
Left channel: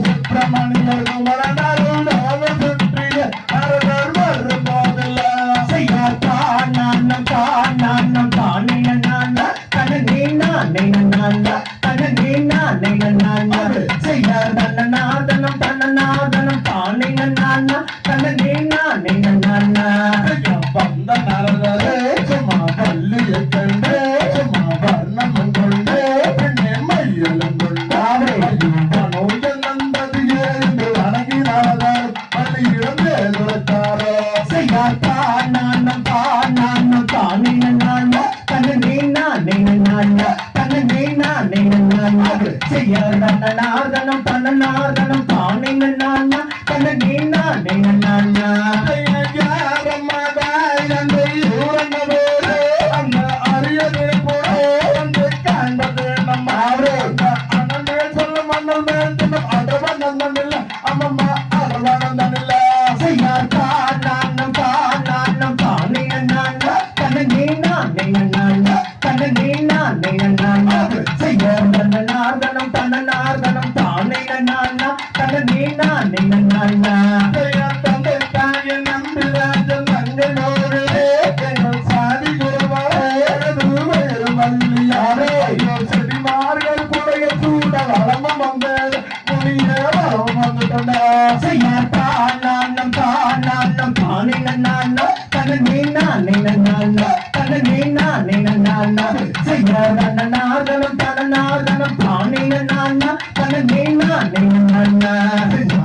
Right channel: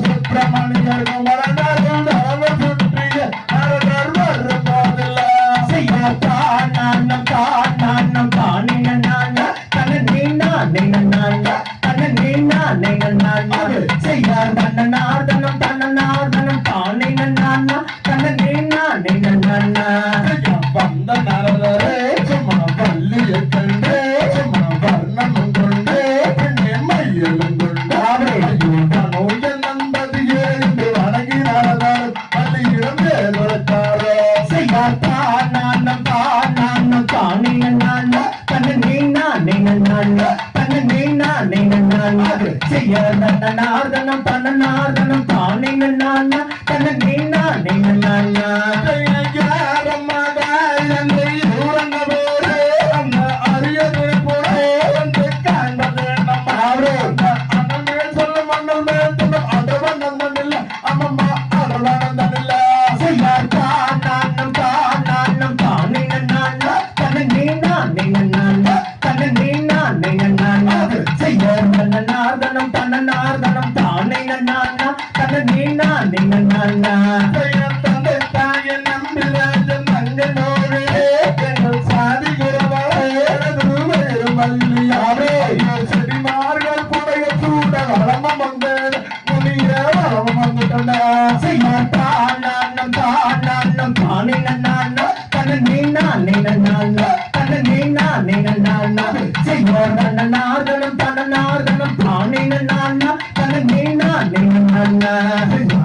சுப்பிரமணியர் குமரனாரும் தரவ சுற்றிய நாரதர் வரு போதல சையா தானன தானே நன்னா தன்னே நானே நன்னா தன்னே நானே நன்னா சையா தனனா தனம் தானே நன்னா தன்னே நானே நன்னா வந்த நாரதரே சும்மா பள்ளியை கண்டு சும்மா வர்ணம் கொண்டு பெண்ணே மையலும் கொண்டாவே நோய நந்தது ஏறிந்து வணங்கி நாரதர் அது இழந்தே கொடுத்தாரோ சையா தானன தானே நன்னா தன்னே நானே நன்னா தன்னே நானே நன்னா சையா தனனா தனம் தானே நன்னா தன்னே நானே நன்னா தன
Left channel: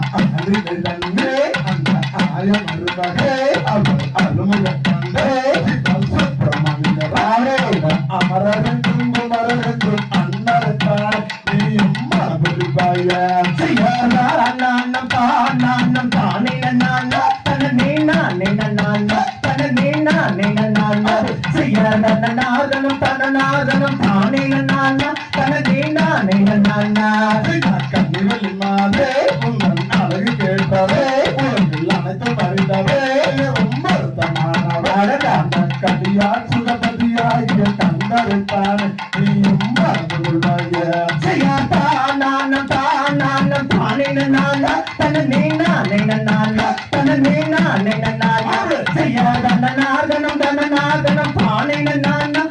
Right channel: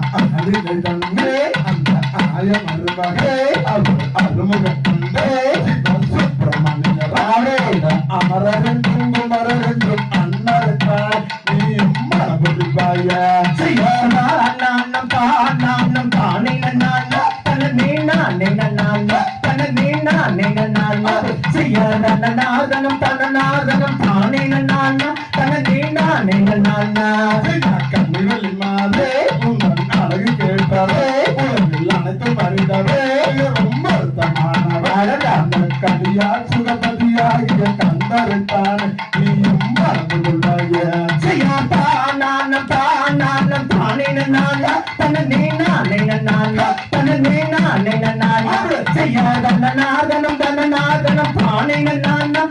மாதே உங்கள் அழகு கேட்டதே உலகில் அனைத்து பரிதவே ரொம்ப அர்த்தமானவ கதியா சுகபதியாகிய கந்தருத்தான் நீயும் மறந்து கொள்வாய செய்யாதா நானம் தானே நானா தன நீனா நானா தன நீனா நானா செய்யாதா நாதனம் தானே நானா தன நீனா நானா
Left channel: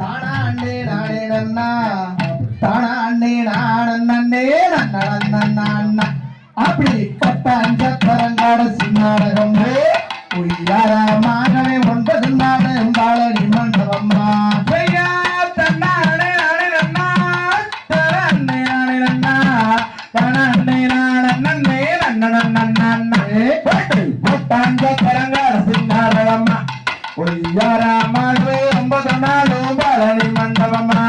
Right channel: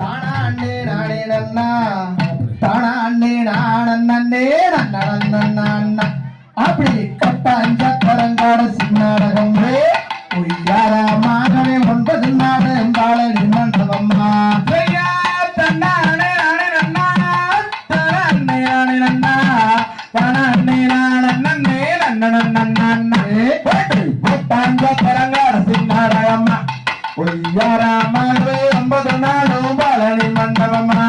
தானாண்டே நானே நன்னா தானாண்டே நானே நன்னா அப்படி கட்டாஞ்ச பரங்காட சின்னாடகம் உய்யாரமாகவே 9 நாள் பாழனி மண்டபம்மா உய்யாரமாகவே 9 நாளும் பாழனி மண்டபம்மா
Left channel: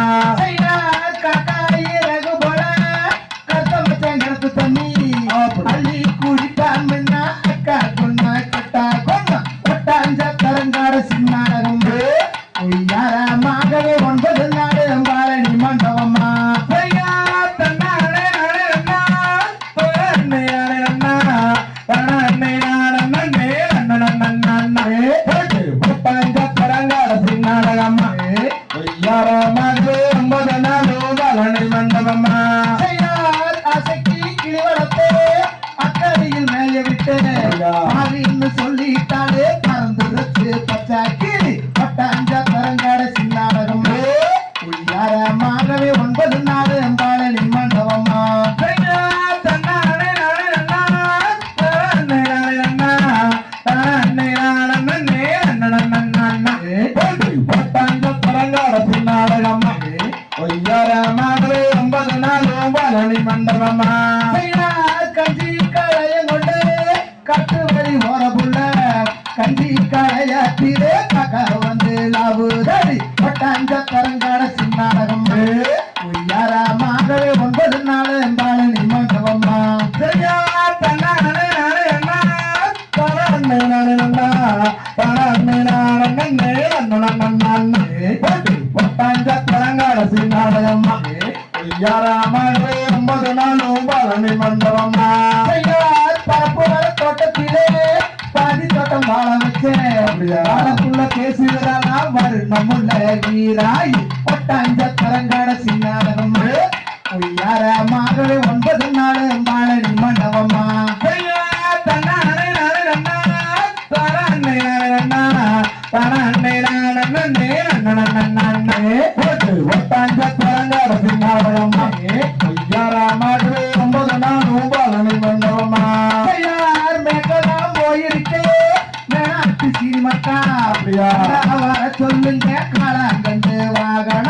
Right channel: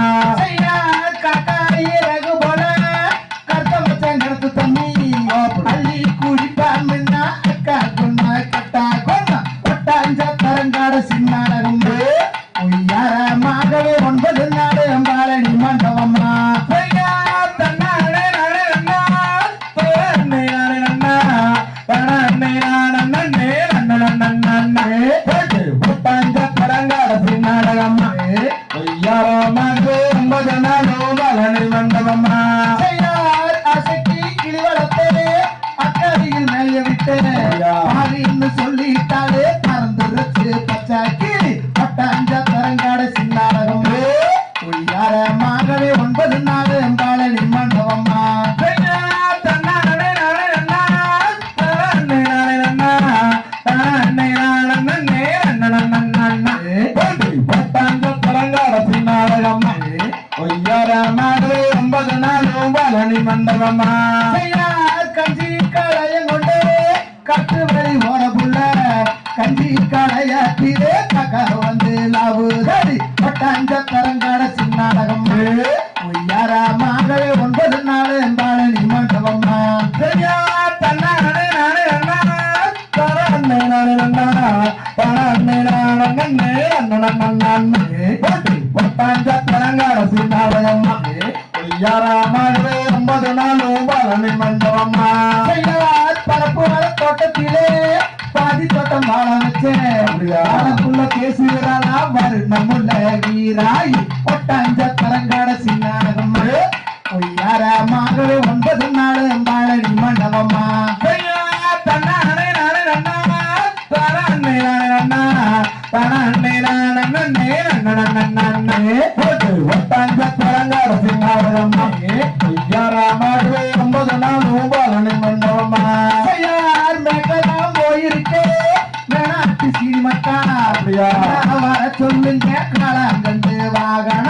சொல்லிட்டாலே பறந்துருச்சு பச்சை கிளி பட்டாஞ்ச பரங்காட சின்னாடகம் உய்யாரமாகவே 9 நாள் பாழனி மண்டபம்மா பட்டாஞ்ச பரங்காட சின்னாடகம் உய்யாரமாகவே 9 நாள் பாழனி மண்டபம்மா கஞ்சி களையம் கொண்டு கட்டு வழி ஓட புள்ள கஞ்சி களையாத்திரே கக்க வந்து லாபுதடி பட்டாஞ்ச தரங்காட சின்னாடகம் உய்யாரமாகவே 9 நாள் பாழனி மண்டபம்மா பட்டாஞ்ச தரங்காட சின்னாடகம்மா உய்யாரமாகவே 9 நாளும் பாழனி மண்டபம்மா தோட்டத்திலே பாதி தோட்டம் வாழ வச்சேன் பேசுகிறானா மருணமுள்ள வீராய் ஒட்டாஞ்ச தரங்காட சின்னாடகம் உய்யாரமாகவே 9 நாள் பாழனி மண்டபம்மா ஒட்டாஞ்ச தரங்காட சின்னாடகம்மா உய்யாரமாகவே 9 நாள் பாழனி மண்டபம்மா சொல்லுங்க காலாங்கண்டு வாகன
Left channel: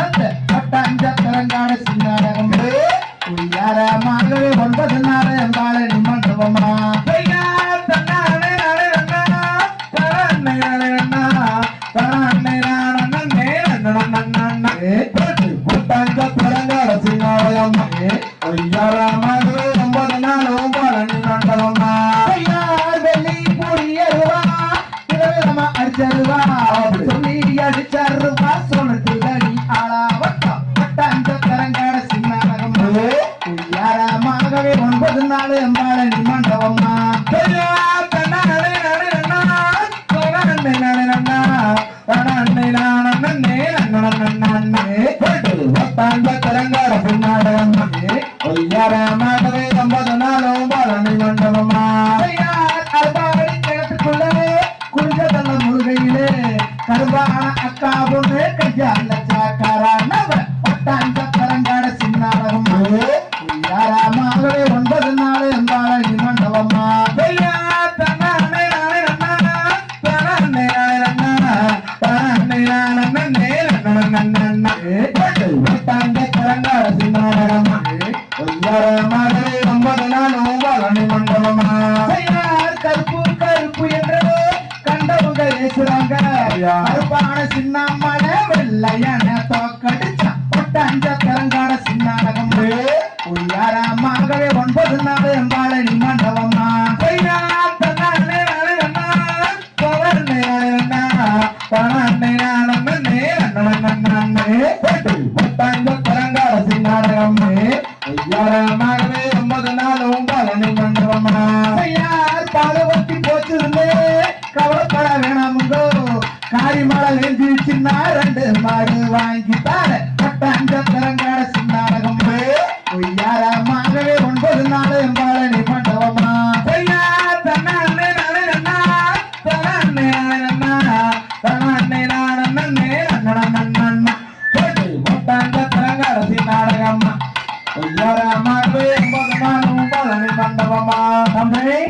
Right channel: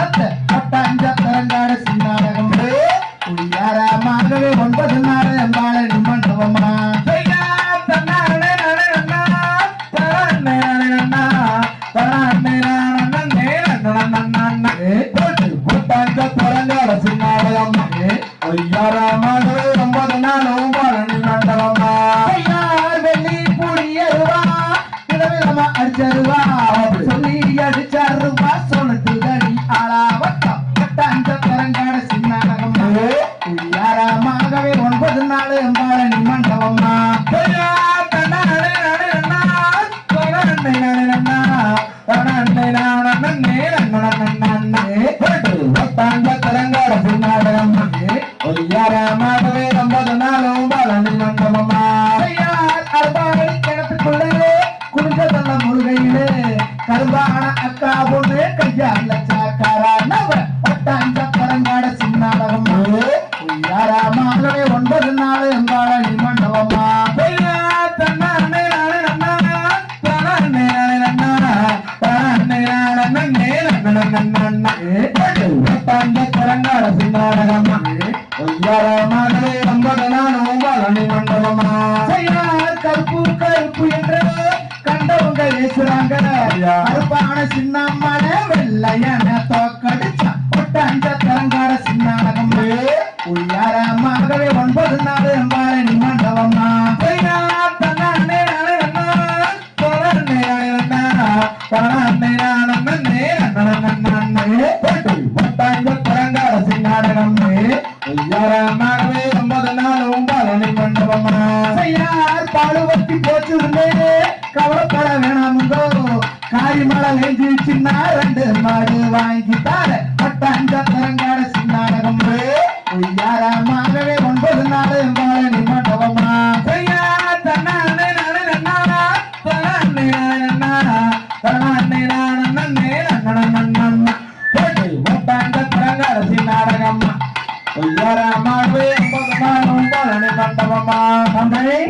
Andre.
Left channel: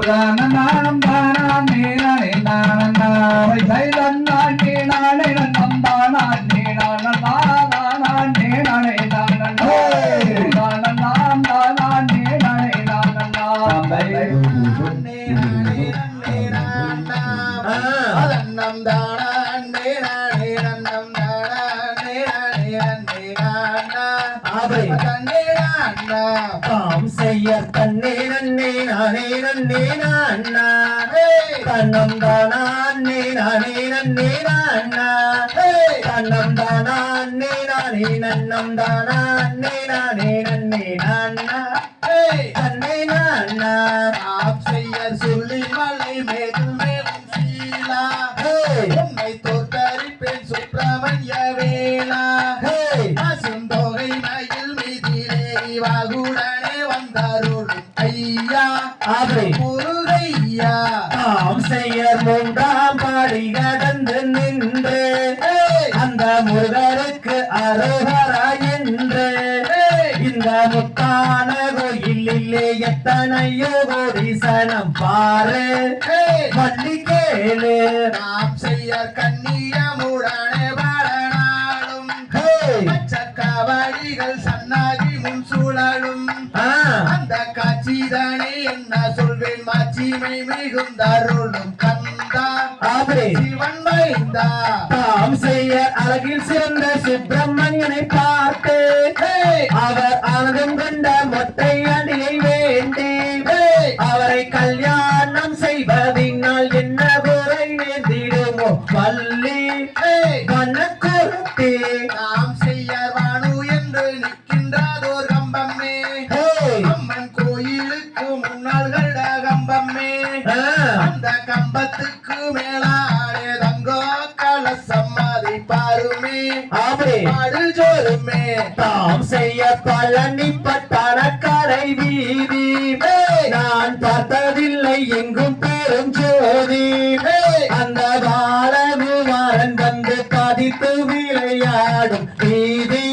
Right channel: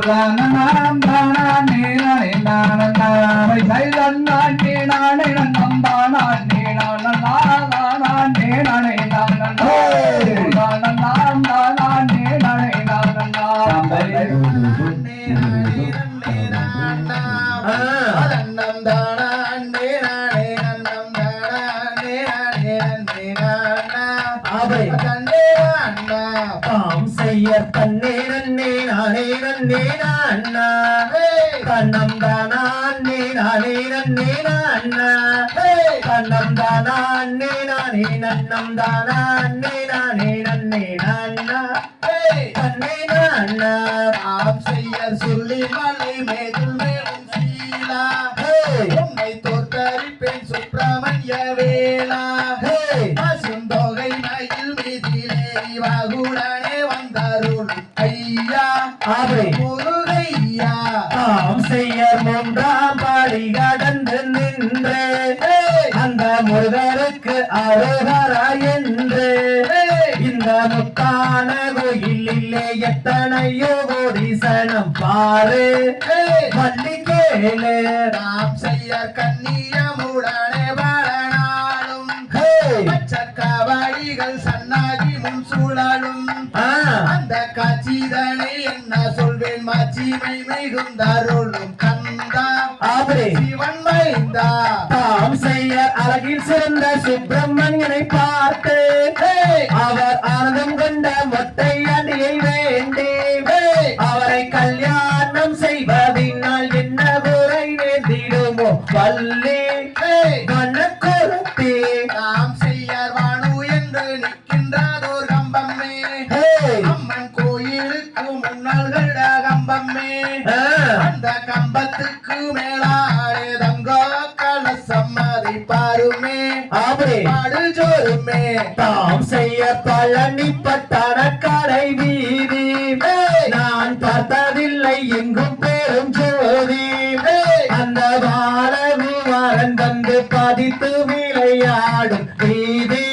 தானம் தானே நானே நானா சைலம் நானே நானே நன்னம் தானே நானா நானே நானே நானா தானம் தானே நானே நானா தாம் செய்ய தன்னே நன்னே நானே நன்னே நானா தன்னம் தானே நானே நன்னே நானா தன்னம் தானே நானே நன்னம் தானே நானே நன்னே நானா தன்னே நானா தாம் செய்ய சொல்லி மலை மேலும் மேலும் சீலா உம்மை தோற்கடிப்பேன் சுப்பிரமணிய வேளா பசுந்தொகை மயில் மீதிலே வாகுடனே வந்தாருள் ஐயா முருகையா தாம் செய்ய மூன்றாம் பாடி கடந்து நின்று அந்த முருகருக்கு அரோகரா என்று இந்த முத்தான கோயிலிலே எத்தனையோ கோடி சனம் பாரு மல்லிகேளு நாம் செய்ய கண்ணியமுடனே வளனாலும் சக்கவடிகள் சன்னாதி முன் சூழலும் அந்த காட்சிதனை என்ன சொல்வேன் மாட்சிமை மிகுந்தாருளும் கந்தா சிவன் மைந்தா தாம் செய்ய அழகில் சிறந்த சுப்பிரமணியனை பார்த்து அவர் ஆனந்தம் கொண்ட மொட்டை அடியை வேண்டி அவரை கல்யாணம் செய்வதினால் என்ன குறை வேண்டிடுமோ வள்ளி கண்ணக்குருத்தி நாம் செய்யார் வானு என்று நிற்கின்றதோர் கம்பம்மே அம்மன் கோயிலுக்கு முன்னால் கம்பம்மே அந்த கம்பத்துக்கு மேலாடே தங்கோ கலசம் அதை பாருமே பாடுஜோருமே தாம் செய்ய பழனி பட்டான கடை வீதி நான் பார்த்ததில்லை எங்கும் பெரும் ஜோதி அந்த பாலகுமாரன் வந்து பதித்து விளையாடும் வீதி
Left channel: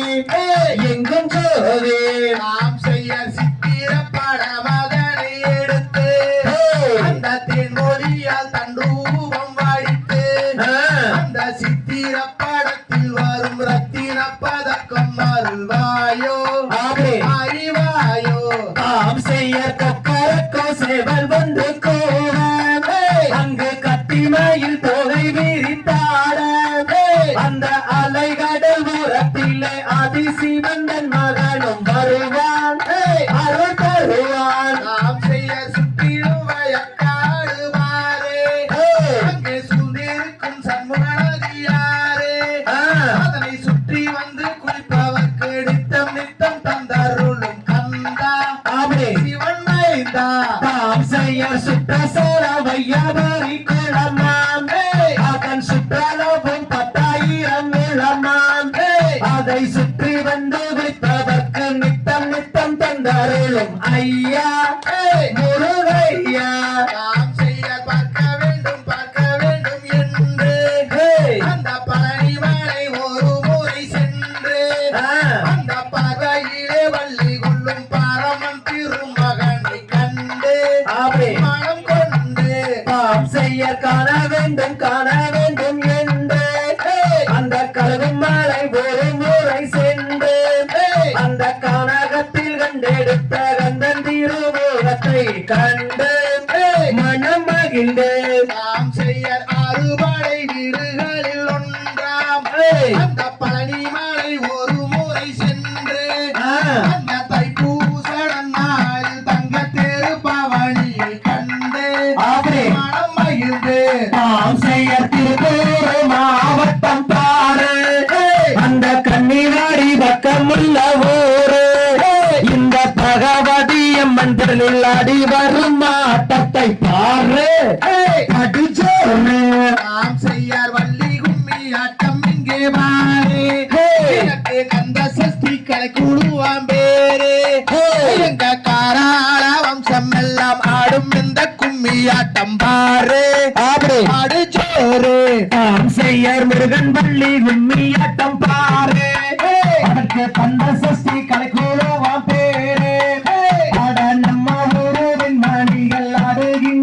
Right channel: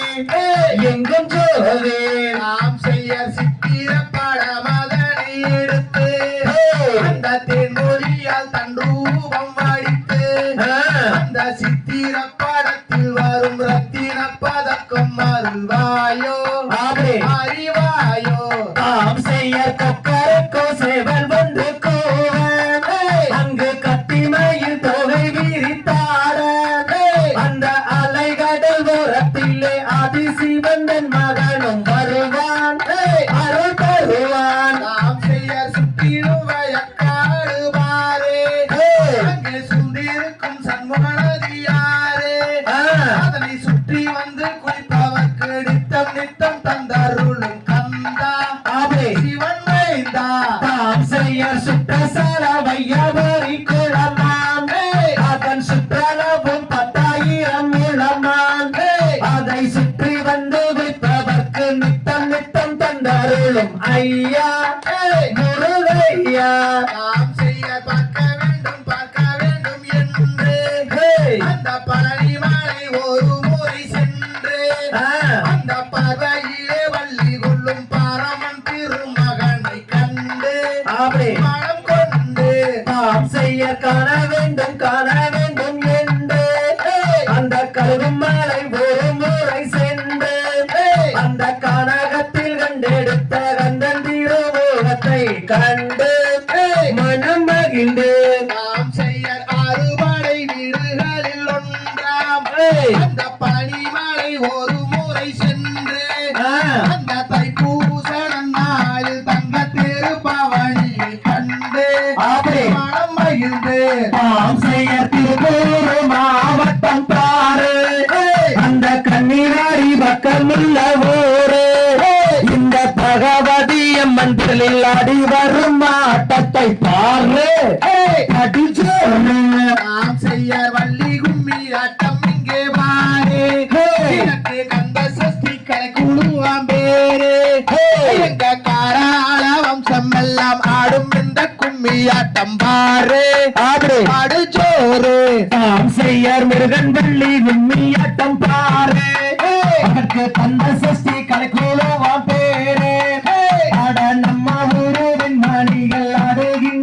எங்கும் ஜோதி நாம் செய்ய சித்திர படமதனை எடுத்து அந்த தென்மொழியால் தண்டூபம் வாடித்து அந்த சித்திர படத்தில் வரும் ரத்தின பதக்கம் அருள்வாயோ அறிவாயோ தாம் செய்ய கொக்கரக்கோ சேவல் வந்து கூற அங்கு கத்திமையில் தொகை விரித்தாட அந்த அலைகடல் ஓரத்திலே ஆதிசிவந்தன் மகனும் வருவான் அருள் தருவான் நாம் செய்ய சுற்றிலும் வயக்காடுவாரே அங்கே சூழ்ந்திருக்கும் சண்முகனதியாரே அதனை சுற்றி வந்து குளிப்பவர்க்கு நித்தம் நித்தம் தந்தருளும் கந்தா சிவன் மைந்தா தாம் செய்ய சுற்றசல வையாபோரி குளமாம் அதன் சுற்றளவும் 10,000 முழமாம் அதை சுற்றி வந்து விற்பதற்கு நித்தம் நித்தம் தந்தருளும் ஐயா முருகையா நாம் செய்ய பார்க்க வேண்டும் என்று அந்த பழனி மலை ஒரு முறை சென்று அந்த பார்வையிலே வள்ளி கொள்ளும் பரமன் திருமகனை கண்டு மனம் கொண்டு தாம் செய்ய காண வேண்டும் என்று அந்த கலகும் மலை ஒரு முறை சென்று அந்த கானகத்தில் கண்டெடுத்த கந்தன் திருமுகத்தை கண்டு மனம் மகிழ்ந்து நாம் செய்ய அறுபடை வீடுகளில் ஒன்றாம் அந்த பழனி மலை ஒரு முறை சென்று அந்த தைப்பூச நாளில் தங்க திருப்பவனியை கண்டு மனம் மகிழ்ந்து தாம் செய்ய திருப்பூர் மாவட்டம் பாரு அந்த கன்னிவாடி பக்கமுள்ள ஊரு இந்த பகவதி அம்மன் திடலில் ஆடி வரும் ஆட்டத்தை பாரு அடிச்சோனு நாம் செய்ய வள்ளி கும்மி ஆட்டம் இங்கே பாரு கந்த சஷ்டி கலைக்குழுவாம் பேரு எங்க காராள வம்சம் எல்லாம் ஆடும் இந்த கும்மி ஆட்டம் பாரு ஆடு ஜோரு தாம் செய்யர் முருகன் வள்ளி கும்மியாட்டம் பாரு அதற்கு கந்த சஷ்டி கலைக்குழுவாம் பேரு அட நம்ம ஊரின் மணிகள் ஆடுகின்ற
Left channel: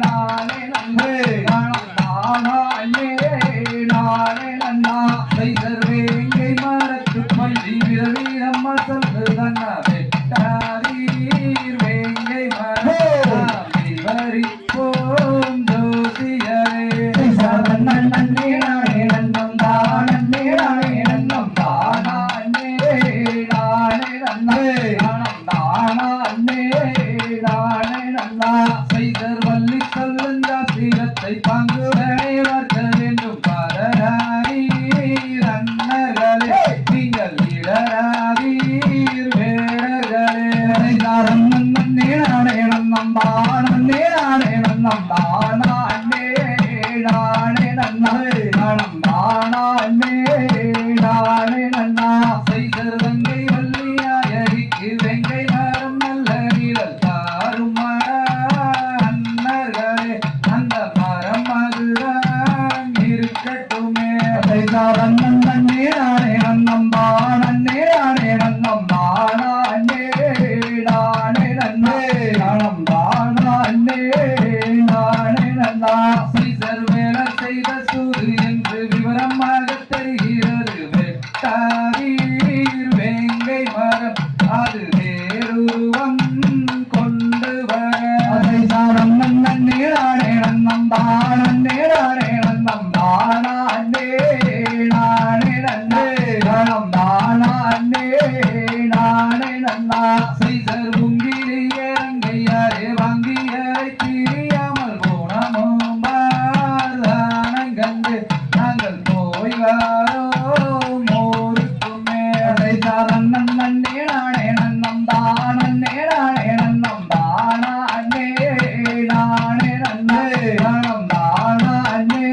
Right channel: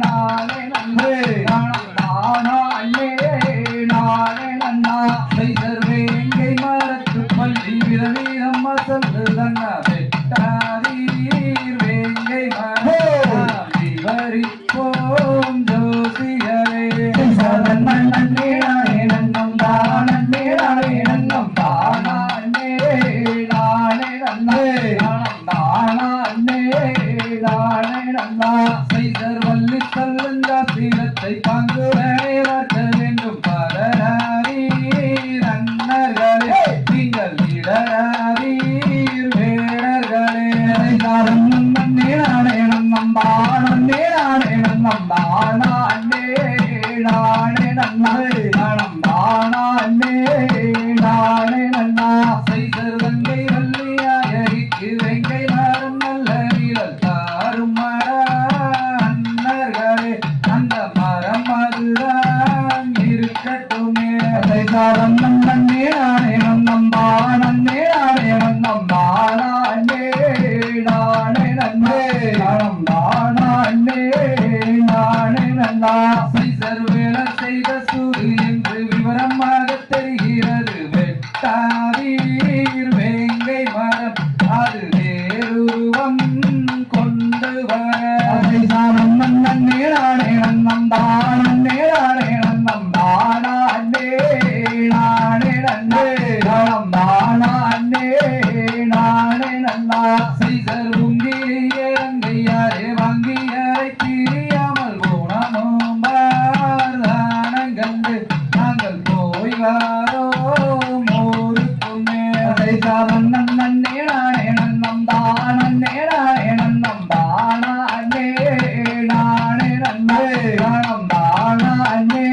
நானே நன்னே நானே நானே நன்னா செய்தர் வேங்கை மரத்து பள்ளி விரவி நம்ம சொல்லுதன்ன வெட்டாரீர் வேங்கை மரம் விவரி போம் ஜோசியரே நன்னே நானே நன்னம் தானே நானே நன்னம் தானே நானே நன்னே நானே நானே நன்னா செய்தர் வள்ளி சொல்லுங்க தீரத்தை பங்கு வேலைவர்க்க வேண்டும் பரநாரீர் அன்னர்களே நீங்கள் இடராரீர் வேடர்களே நன்னே நானே நன்னம் தானே நானே நன்னம் தானே நானே நன்னே தானே நானே நன்னா செய்தர் வெங்கை வள்ளியாயரிக்கு வெங்கை மரம் நல்ல நிழல் தாரும் அன்னர்களே அந்த மரம் அதுதான் இருக்கட்டுமே செய்தாரம் நன்னே நானே நன்னம் தானே நானே நன்னம் தானே நானே நன்னே தானே நானே நன்னா செய்தர் வேலை செய்த சூது என்று விவரமாக தெரிகிறது வெட்டாரீர் வேங்கை மரம் அது வேறுருவம் கொண்டு வர செய்தாரம் நன்னே நானே நன்னம் தானே நானே நன்னம் தானே நானே நன்னே தானே நானே நன்னா செய்தர் உங்கிலேயே அங்கையாரே வாங்கியரை பிரியாமல் ஊனமும் தானம் கண்டு நாங்கள் போய் வாரோம் ஊருக்குமே செய்தாரம் நன்னே நானே நன்னம் தானே நானே நன்னம் தானே நானே நன்னே தானே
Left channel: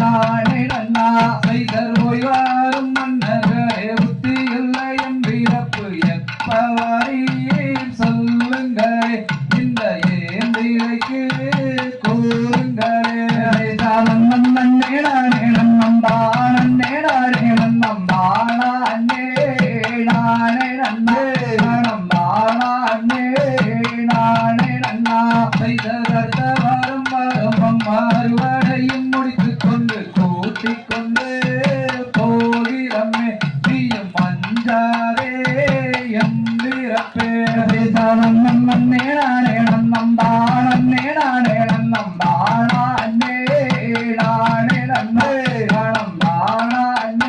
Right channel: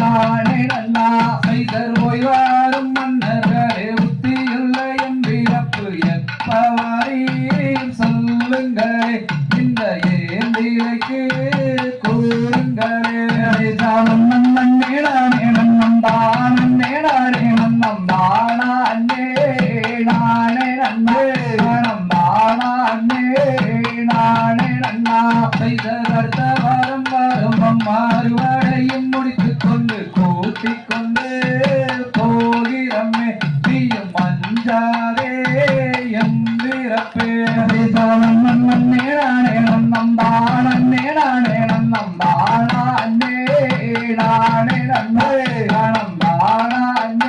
நானே நன்னா செய்தர் போய் வாரும் மன்னர்களே புத்தியுள்ள எம் வீரப்பு எப்பவரீர் சொல்லுங்களே இந்த ஏந்திரைக்கு கூறுங்களே நன்னே நானே நன்னம் தானே நானே நன்னம் தானே நானே நன்னே தானே நானே நன்னா செய்தர் அடுத்த வாரம் வரும் மாறுவடையும் முடித்துக் கொண்டு கூட்டிக் கொண்டு போகிறமே தீயும் மஞ்சாரே எம்பிறப்பே நன்னே நானே நன்னம் தானே நானே நன்னம் தானே நானே நன்னே தானே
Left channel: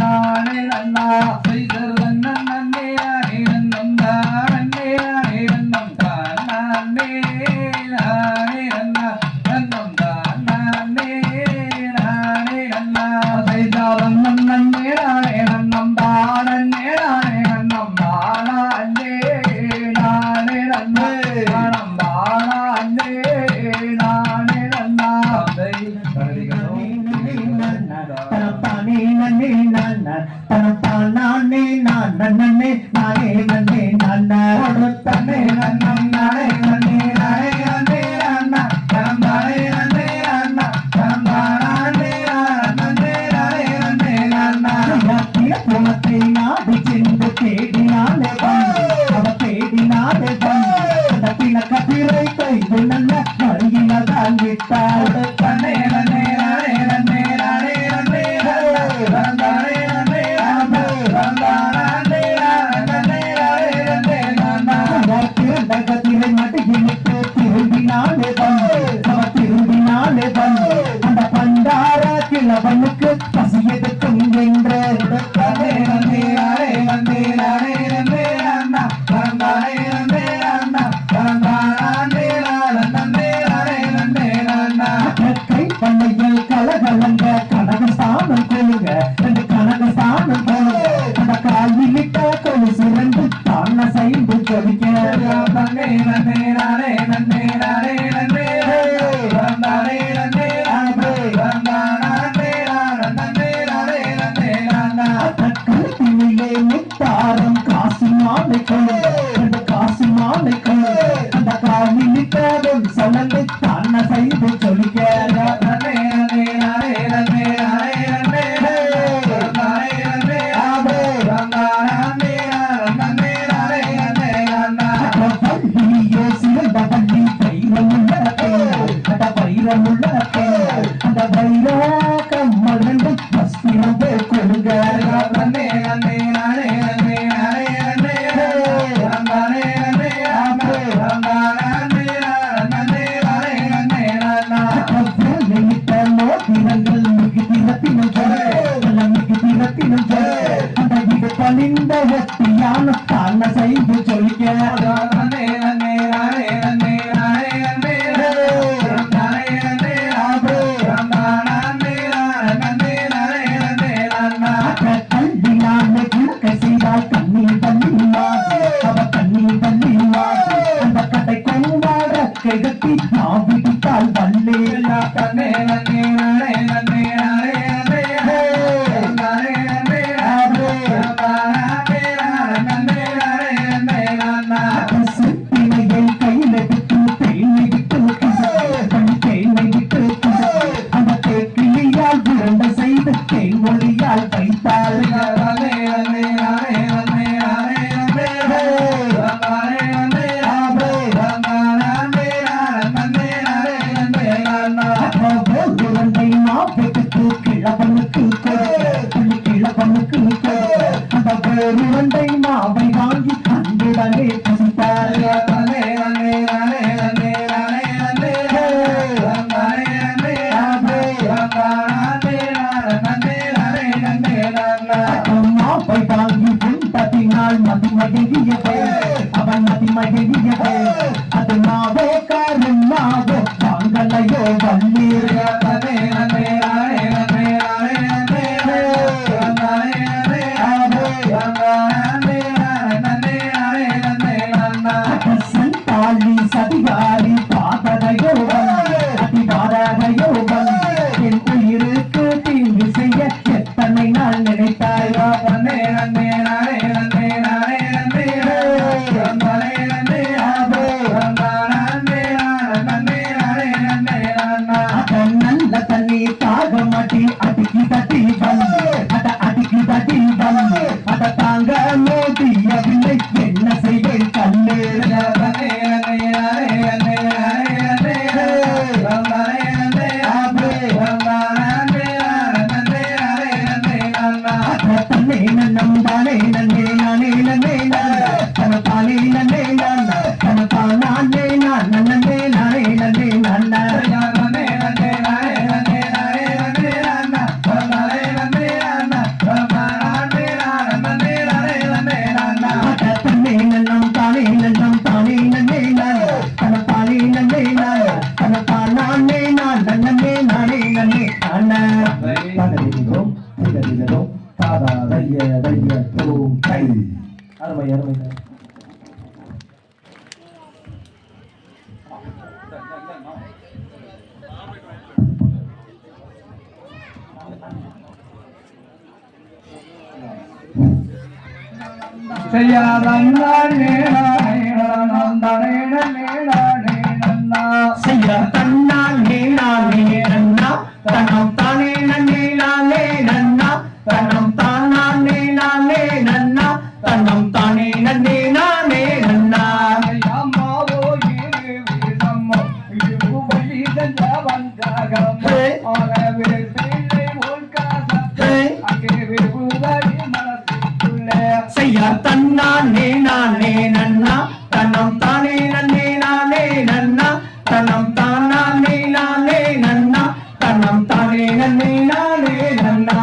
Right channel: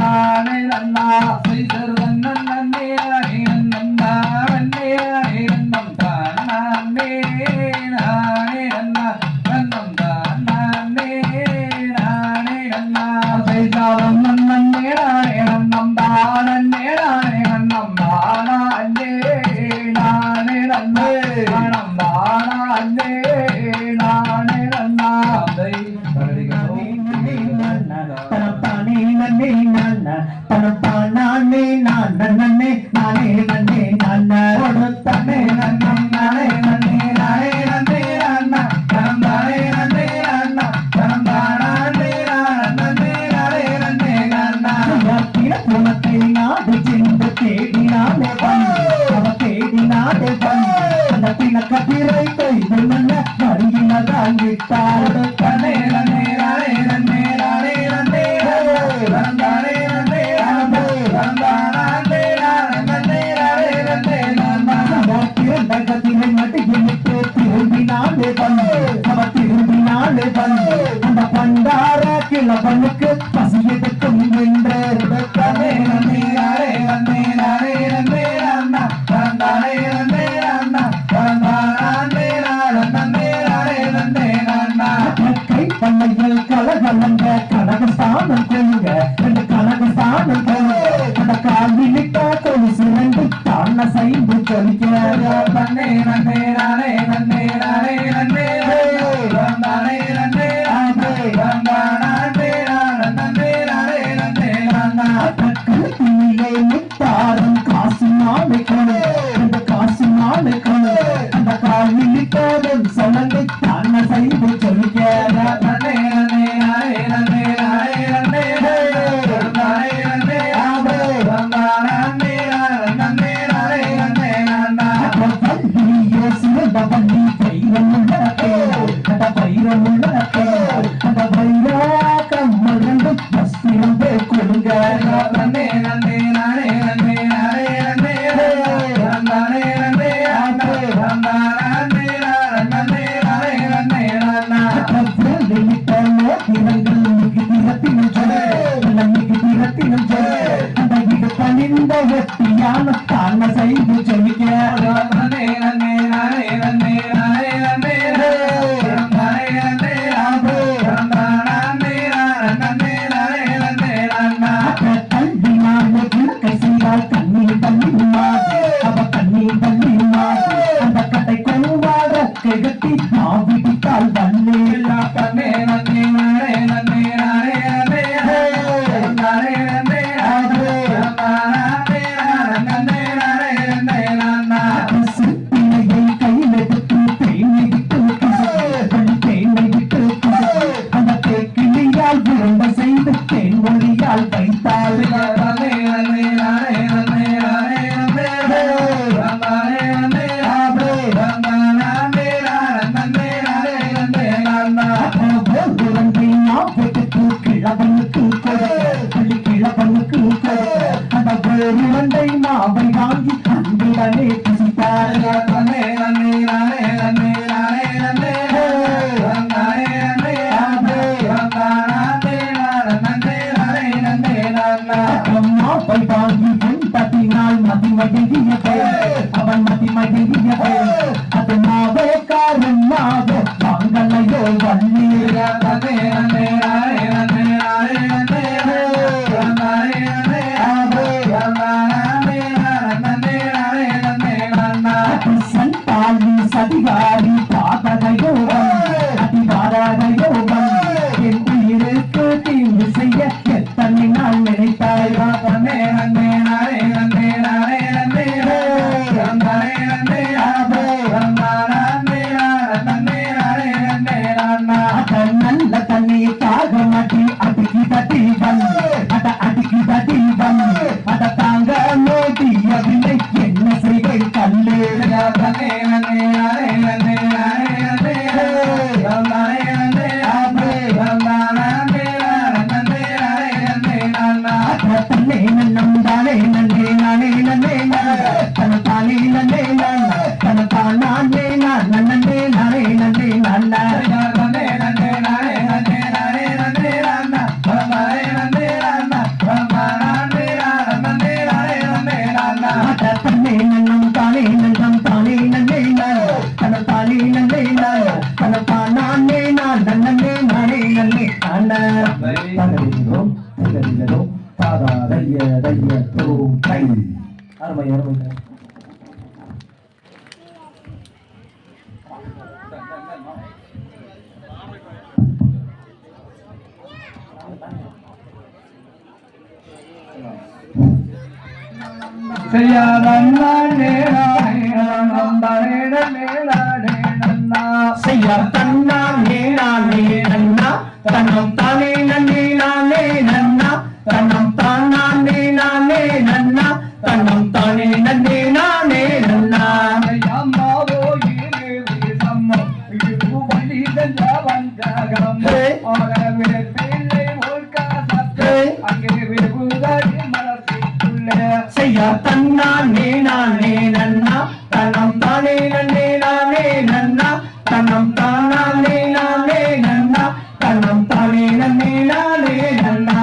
நானே நன்னா செய்தர் நன்னே நானே நன்னம் தானே நானே நன்னம் தானே நானே நன்னா நன்னம் தானே நானே நன்னா செய்தாரம் நன்னே நானே நன்னம் தானே நானே நன்னம் தானே நானே நன்னே தானம் தானே நானே நன்னா தந்தை தனத்தானே நன்னே நான தனத்தானே நானே நானே நன்னே நானோடு தன்னே நன்னம் நானே நன்னே நானே நன்னே நான தனந்தானே நன்னே நான தனந்தானே நன்னே நானே நன்னே நான தினத்தை நாடு சென்று தேடினாலே அவ தேடினாலே அந்த பிணக்கத்திரை கைது நல்ல வழியினதான் விட்டார் தன்னே நன்னே நானே நன்னே நானே நன்னே தனந்தானே நன்னே நானே தனந்தானே நன்னே நானே நன்னே நான பிறந்தகத்திரை மடியிட்டு திரும்பினாலே அவ திரும்பினாலே அந்த பண்டார கிழவனுக்கு பசி எடுக்கும் என்று தன்னே நன்னே நானே நன்னே நானே நன்னே நான தனந்தானே நன்னே நான தனந்தானே நன்னே நானே நன்னே நான கிழவனுக்கு புள்ளி கிழவனுக்கு அந்த வேறு இரண்டை மாவை வாங்கி அன்புடனே பசித்தார் மாவை வாங்கி தட்டினால் மதிமடியதே அவன் மதிமடியதே அது மாவே காரன் மாவே வாங்கலையோ வள்ளீர் சண்டாளி சதிகாரி பாதகயோகம் அதிபாரகயோகம் என் உயிருக்கு தீங்கு செய்ய எத்தனை நாள் நினைத்தாய் நல்ல தண்ணீர் தாக மாட்டி அடிக்கி தட்டி அடிக்கி தட்டி அத தாங்க நோட்டியவில்லை என்ன செய்வேன் கல்லு தன்னே நன்னம் தானே நன்னே நானே நன்னே தன தானே நன்னே தன தானே நன்னே நானே நன்னே நன்ன தன்னே நன்னம் தானே நன்னம் தானே நன்னே தன தானே நன்னே தன தானே நன்னே நானே நன்னே நன்ன அருமை அருமை செய்ய தன்னா நானே நன்னா தன்னம் தானே நன்னே நானே நன்னா தன்னம் தானே நானே நன்னா தன்னம் தானே நன்னே நானே நன்னா செய்ய தன்னா நானே நன்னா தன்னம் தானே நன்னே நானே நன்னா தன்னம் தானே நானே நன்னா தன்னம் தானே நன்னே நானே நன்னா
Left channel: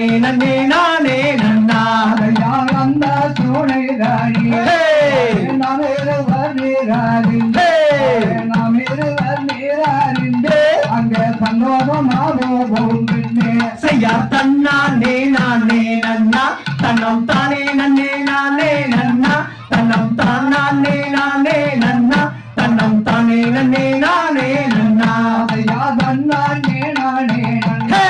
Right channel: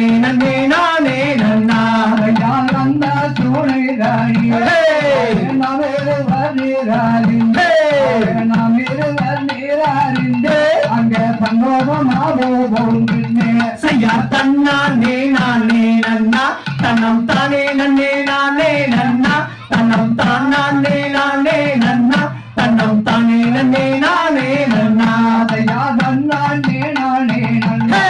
தானே நன்னே நானே நன்னா யாரந்த சூளைதாரி நாம் இருவர் நீராரின்றே நாம் இருவர் நீராரின்றே அங்கே சந்தோஷமாவே போகின்றே செய்யார் தன்னானே நானே நன்னா தன்னம் தானே நன்னே நானே நன்னா தன்னம் தானே நானே நன்னா தன்னம் தானே நன்னே நானே நன்னா யாதன்னானே நானே ஹே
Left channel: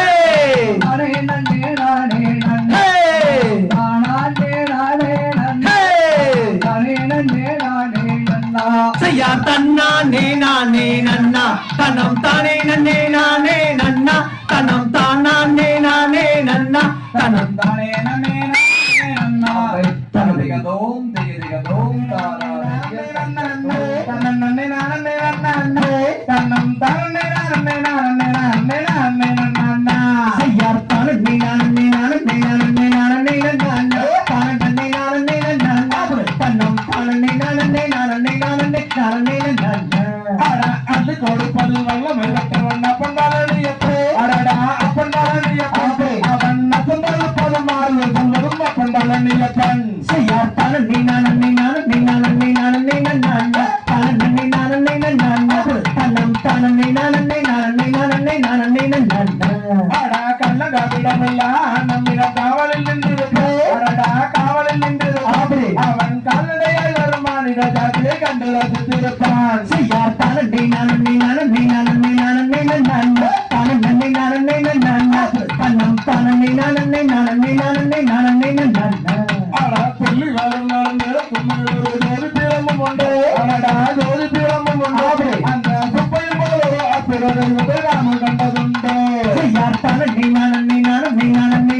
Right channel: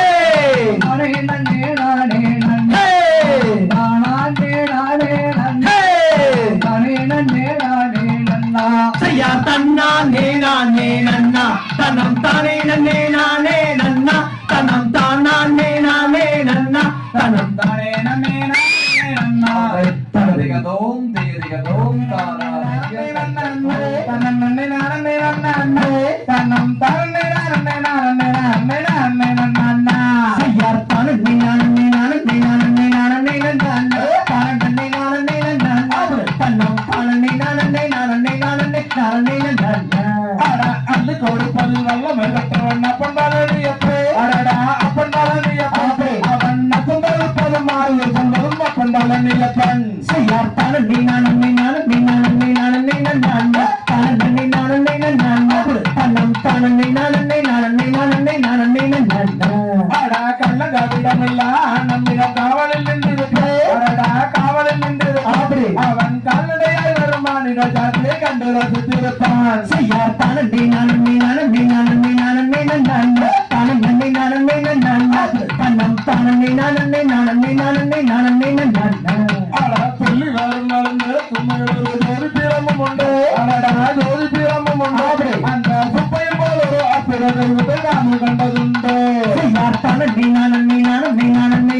நானே நன்னே நானே நன்னே நானே நானே நன்னே ஹே நானே நன்னே நானே நன்னா செய்யார் தன்னானே நானே நன்னா தன்னம் தானே நன்னே நானே நன்னா தன்னம் தானே நானே நன்னா தன்னம் தானே நன்னே நானே நன்னா தனதிகதோம் திகதிகதோம் தாராதிக நன்னே நன்னே நானே நன்னே தன்னம் தானே நானே நானே நானே நானே நன்னா செய்யார் தானே நானே நானே நானே நானே நன்னா தானே நானே நன்னா தன்னம் தானே நானே நானே நானே நானே நன்னா அது கொடுப்பது நல்ல மெல்லப்பவன் அப்பண்டாரடியப்பே அடடா அப்பண்டாரடியப்பே அவன் அப்பண்டாரப்பது மாறு சொன்னதும் அப்பண்டாரடியப்பன் செய்யார் தானே நானே நானே நானே நானே நன்னா தானே நானே நன்னா தன்னம் தானே நானே நானே நானே நானே நன்னா அடா கள்ளகவிடமில்ல நம்மிடம் காவலில் நின்றிருப்பே அடடா காவலில் நின்றிருப்பே அவன் கல்லடையாய் வரும் மாநில ஜாத்திரை கண்டு ரசித்திருப்பான் செய்யார் தானே நானே நானே நானே நானே நன்னா தானே நானே நன்னா தன்னம் தானே நானே நானே நானே நானே நன்னா அடா சொல்லி வளர்ந்து கும்மிழு ஜோதி பிரமும் உண்டு அடடா ஜோதி பிரமும் உண்டு அந்த சுப்பையில் போல பிறகு நாம கண்டதுண்டு செய்யார் தானே நானே நானே நானே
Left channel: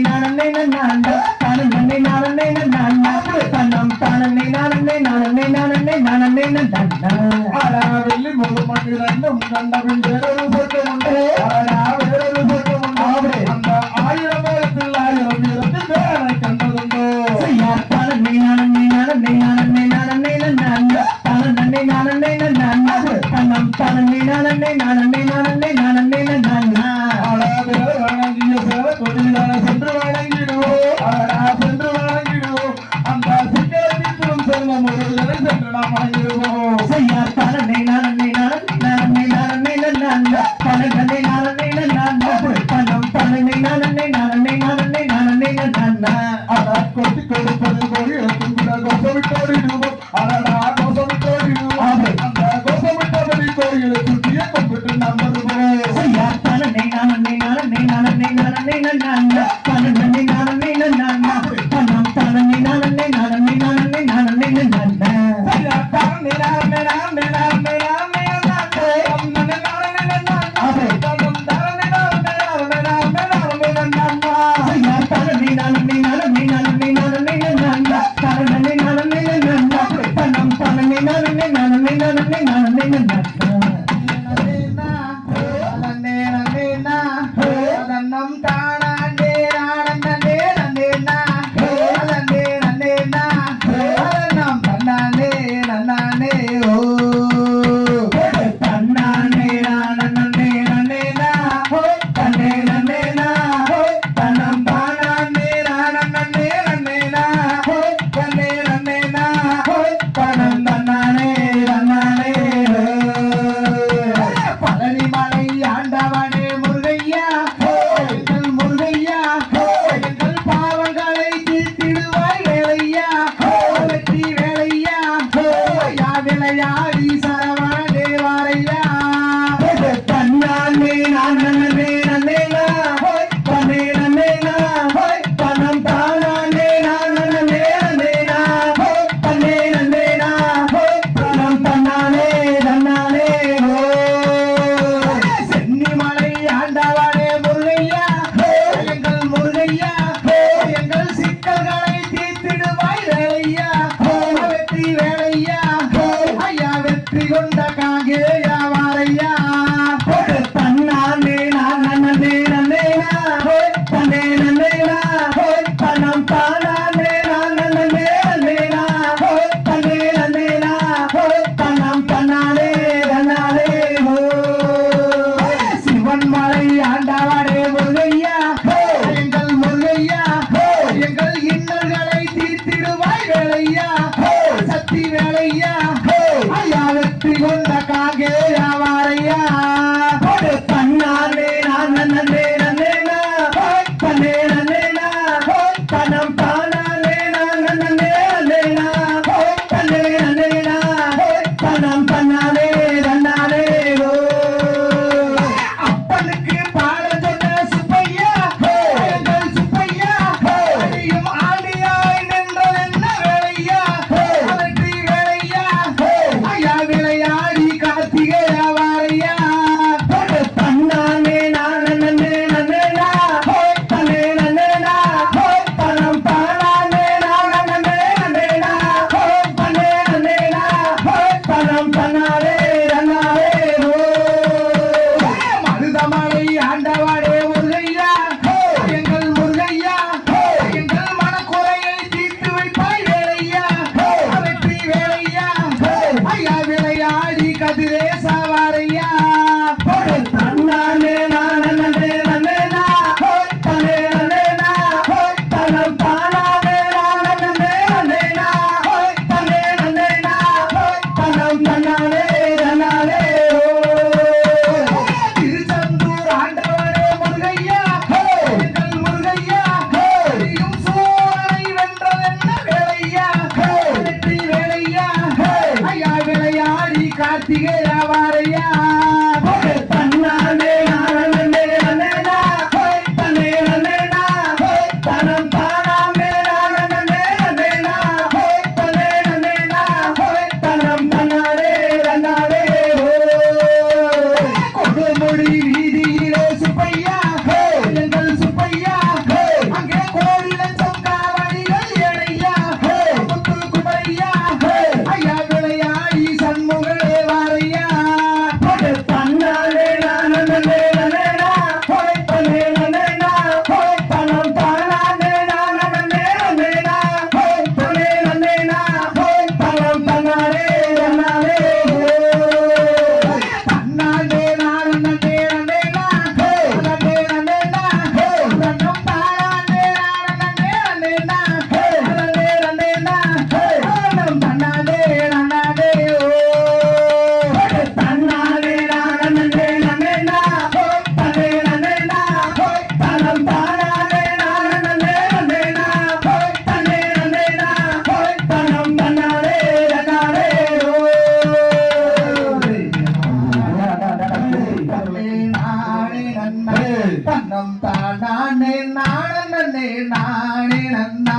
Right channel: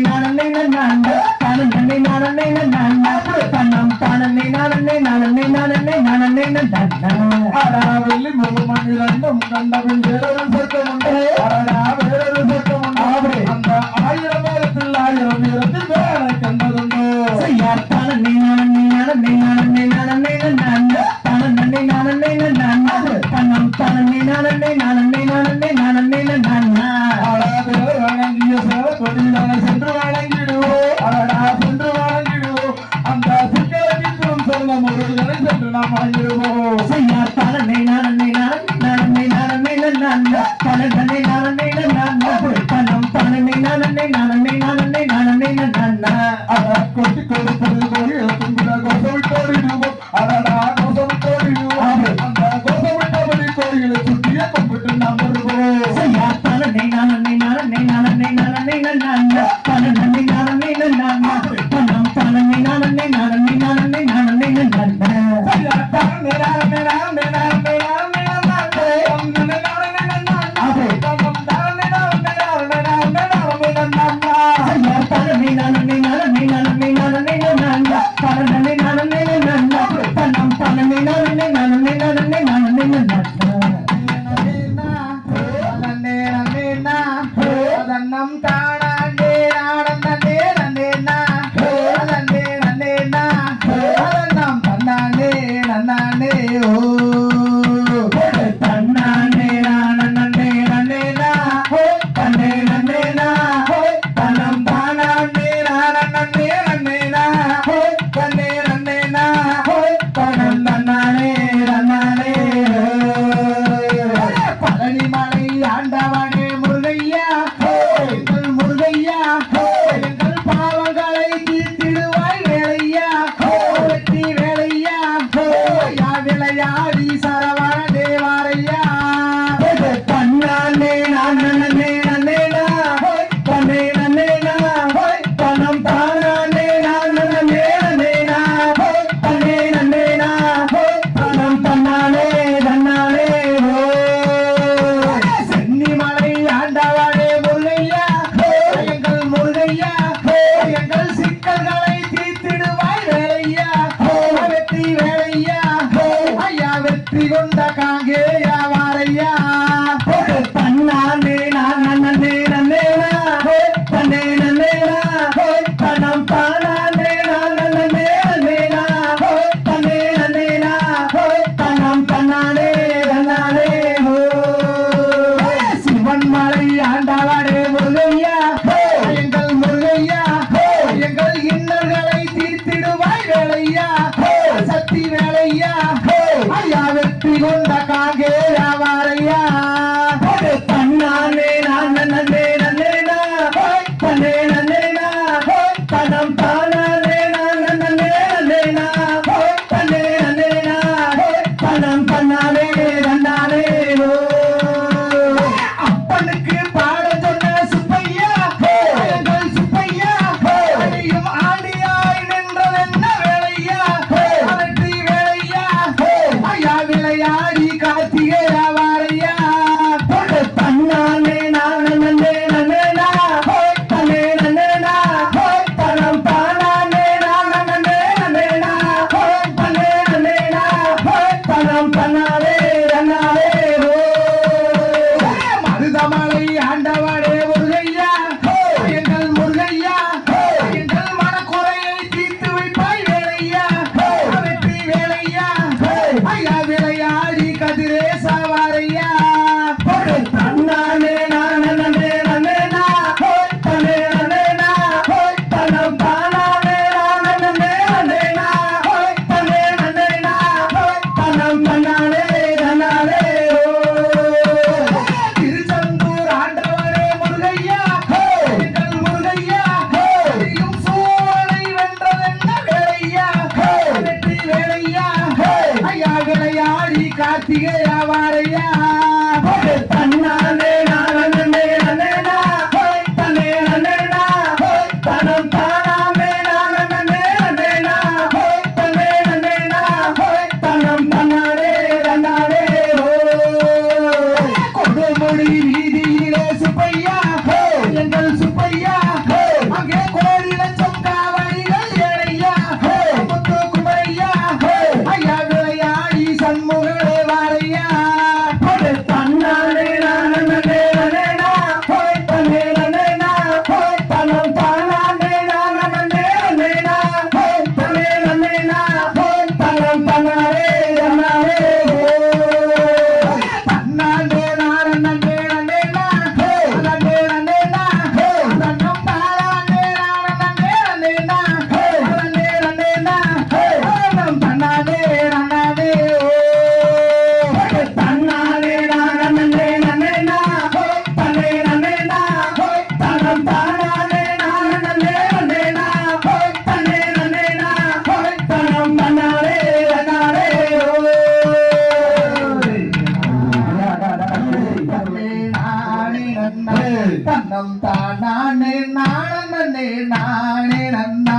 நானே நன்னா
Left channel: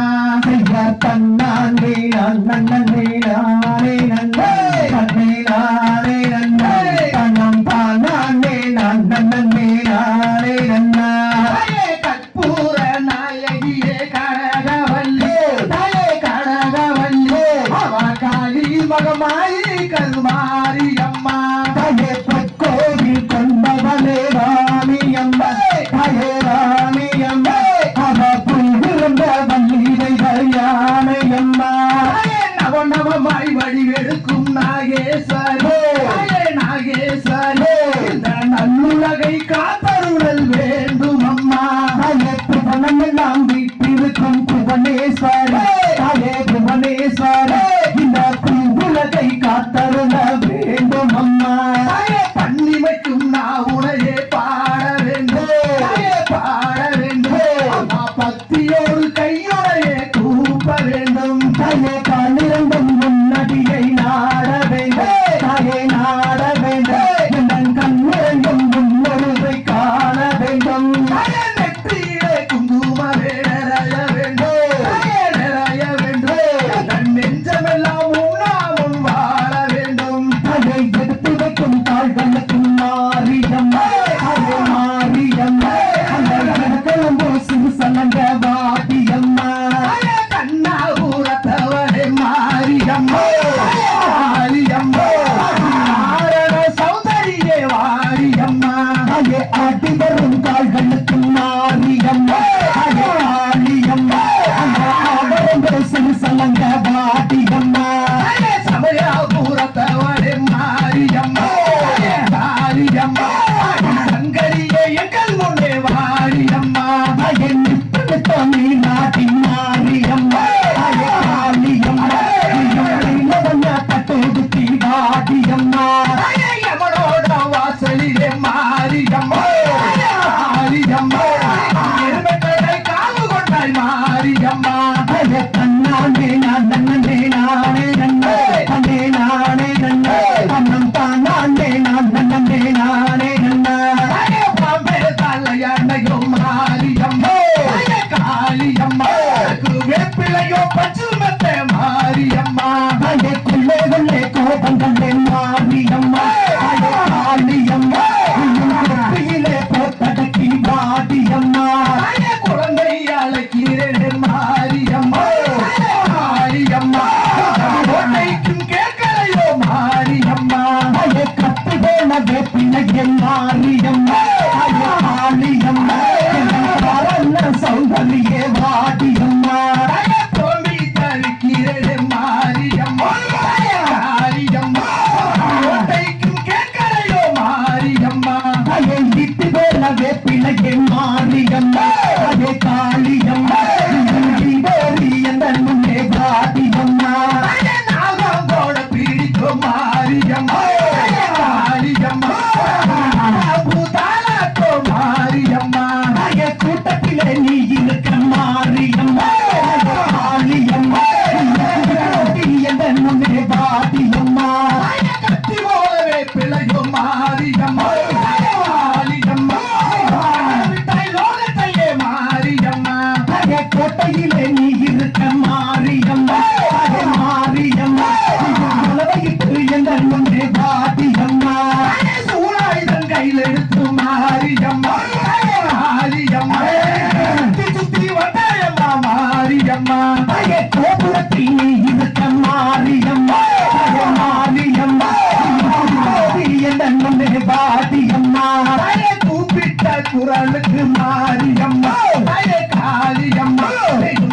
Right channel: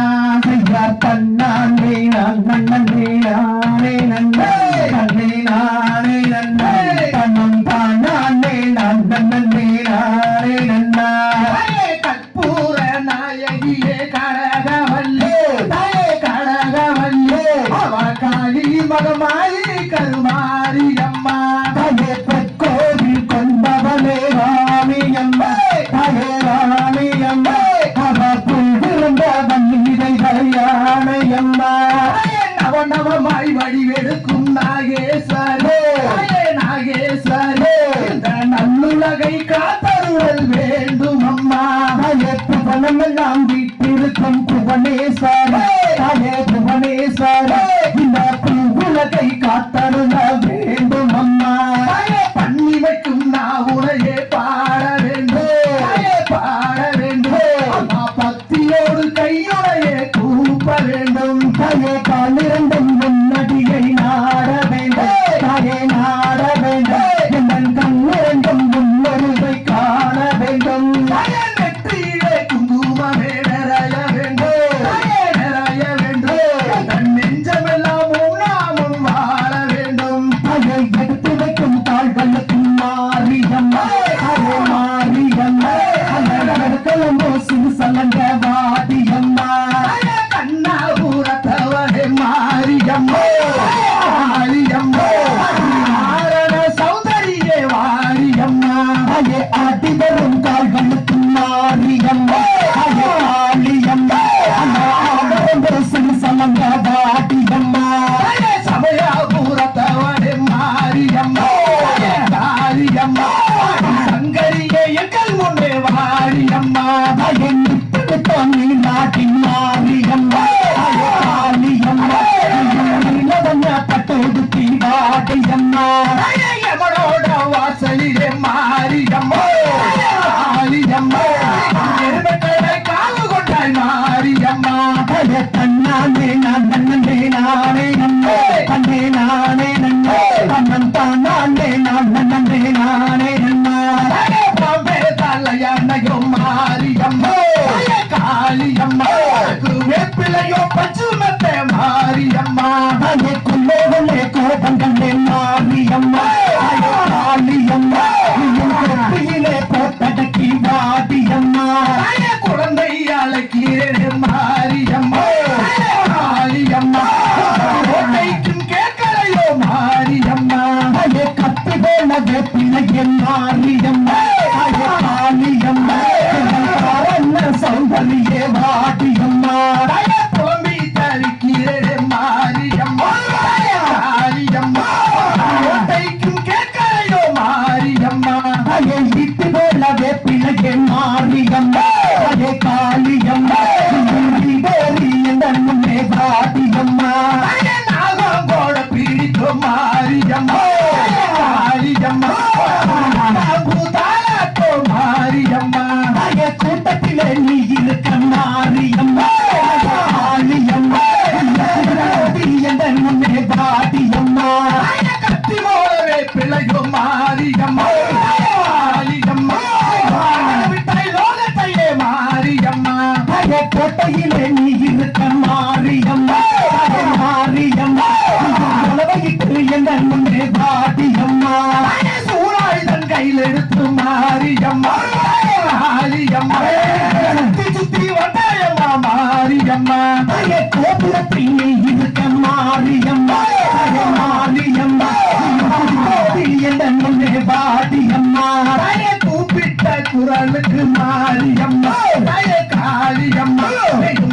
ஐயா தன்னானே நன்னே நானே நன்னா நன்னே நானே நன்னா தன்னம் தானே நன்னே நானே நன்னா கற்பூர நாயகியே கனகவல்லி தாயே கனகவல்லி அவ காளி மகமாயி கருமாரி அம்மா தாயே பொற்கோவில் கொண்டவளே ராணி அம்மா தாயே ராணி அம்மா அவ புல்கிருந்த வல்லிதை கல்யாணி அம்மா நவநவமாய் வடிவெடுக்கும் நாகேஸ்வரே நாகேஸ்வரே இந்த நல்லுலகை காத்தருளல் வேண்டும் அம்மா தாயே புவனமெல்லாம் வீட்டிருக்கும் புவனேஸ்வரே தாயே புவனேஸ்வரே இந்த உலகை காத்தருள வேண்டும் அம்மா தாயே தண்ணி வைக்கும் நாவுனையே பாட வேண்டும் பாட வேண்டும் அம்மா பக்தியோடு கையுடையே கூப்ப வேண்டும் தாயே காலிரண்டும் முன்னடியை நாட வேண்டும் தாயே நாட வேண்டும் என் கண்ணிரண்டும் முன்னொருதை காண வேண்டும் தாயே நெற்றியிலே குங்குமமே நிறைய வேண்டும் நிறைய வேண்டும் தன் நெஞ்சமெல்லாம் உண்ணாமல் வாழ வேண்டும் தாயை எடுத்து வைக்கும் தாழ்களுக்கும் மாரியம்மா தாயே மாரியம்மா அந்த இடத்திலும் சிறு சலங்க வாடியம்மா கண்ணா ஊரத்தவரே மாரியம்மா மாரியம்மா சௌதரியே வாரியம்மா தாயே ஆட்டி வரும் கால்களுக்கும் மாரியம்மா தாயே ஆலியம்மா அந்த ஆடவர்கள் சிறு சலங்க வாடியம்மா சமயபுரத்தவரே மாரியம்மா மாரியம்மா சங்கரியே எங்கள் முன்னே வாரியம்மா தாயே நித்த நீ நாட்டி மாரியம்மா தாயே ஆலியம்மா இளவண்ண பட்டோடுத்தி வாடியம்மா தாயே எவளோட வாசலிலே மாரியம்மா மாரியம்மா எருமைகளை காவு கொண்டாய் மாரியம்மா தாயே தன்னானே நன்னே நானே நன்னே தன்னே நானே நன்னே தன்னம் தானே நன்னே நானே நன்னா தாயே பாம்பே தலையானையோ மாரியம்மா தாயே காளியம்மா வேப்பிலையோ பச்சுமத்தே மாரியம்மா தாயே குள்ளே கோபங்களே மாரியம்மா தாயே காளியம்மா கொப்பியிலே போத்தடக்கி வாடியம்மா தாயே குழந்தை அழைக்கிறே மாரியம்மா மாரியம்மா கோட்டைக்கும் கேட்கலையோ மாரியம்மா தாயே கத்து போன வேப்பிலையே மாரியம்மா தாயே காளியம்மா சௌந்தரியே வாடியம்மா தாயே புலம்பி தவிக்கிறே மாரியம்மா மாரியம்மா கோட்டைக்கும் கேட்கலையோ மாரியம்மா தாயே இட்டு போன வேப்பிலையே மாரியம்மா தாயே காளியம்மா முன்னே வாடியம்மா தாயே நாகம் கோட பிடிக்கும் மாரியம்மா மாரியம்மா பூதாலத்தோ மாரியம்மா தாயே கூட்டத்திலே நீ இருக்க மாரியம்மா மாரியம்மா எந்த முன்னே வாடியம்மா தாயே கத்தி போலவே பிழையோ மாரியம்மா மாரியம்மா விட்டாய் லோகத்தையே மாரியம்மா தாயே கோட்டையிலே நீ இருக்க மாரியம்மா தாயே மாரியம்மா உலகையிட்டு எந்த முன்னே வாடியம்மா தாயே சூழாயுதன் கையில் எடுத்து மாரியம்மா மாரியம்மா சுத்தி சுத்தி வந்தாயம்மா மாரியம்மா தாயே கோபுரத்தில் நீ இருக்க மாரியம்மா தாயே மாரியம்மா எந்த முன்னே வாடியம்மா தாயே கூப்பிட்ட குரலுக்கு மாரியம்மா தாயே காளியம்மா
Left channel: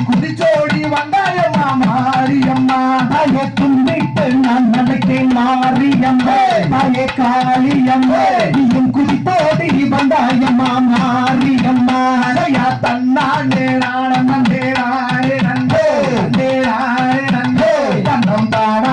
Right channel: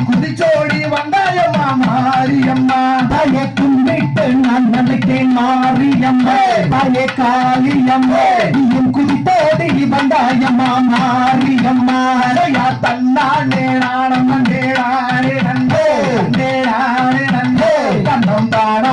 குதிச்சோடி வந்தாயம்மா மாரியம்மா தாயே கும்பிட்டு நான் நினைத்தேன் மாரியம்மா தாயே காளியம்மா நீயும் குதித்தோடி வந்தாயம்மா மாரியம்மா தன்னானே நாணம் நன்றே நானே நன்றே நானே நன்றே தன்னம் தானே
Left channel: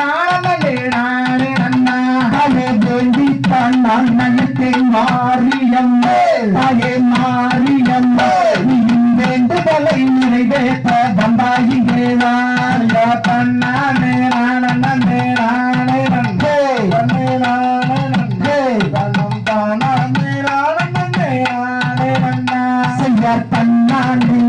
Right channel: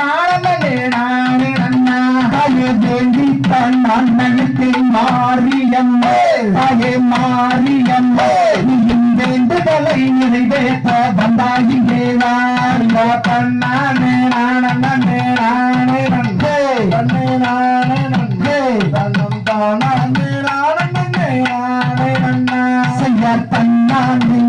நாணம் நன்றே நானே நன்னா தாயே வேள்வி தான் நான் நினைத்தேன் மாரியம்மா தாயே மாரியம்மா நீயும் வேண்டுதலை நிறைவேற்ற வந்தாயிங்கே நான் பண்ணானே நாணம் நன்றே நானே நன்றே தன்னை நானே நன்றே தன்னம் தானே நாணம் நன்றே நானே நன்னா செய்ய தன்னானே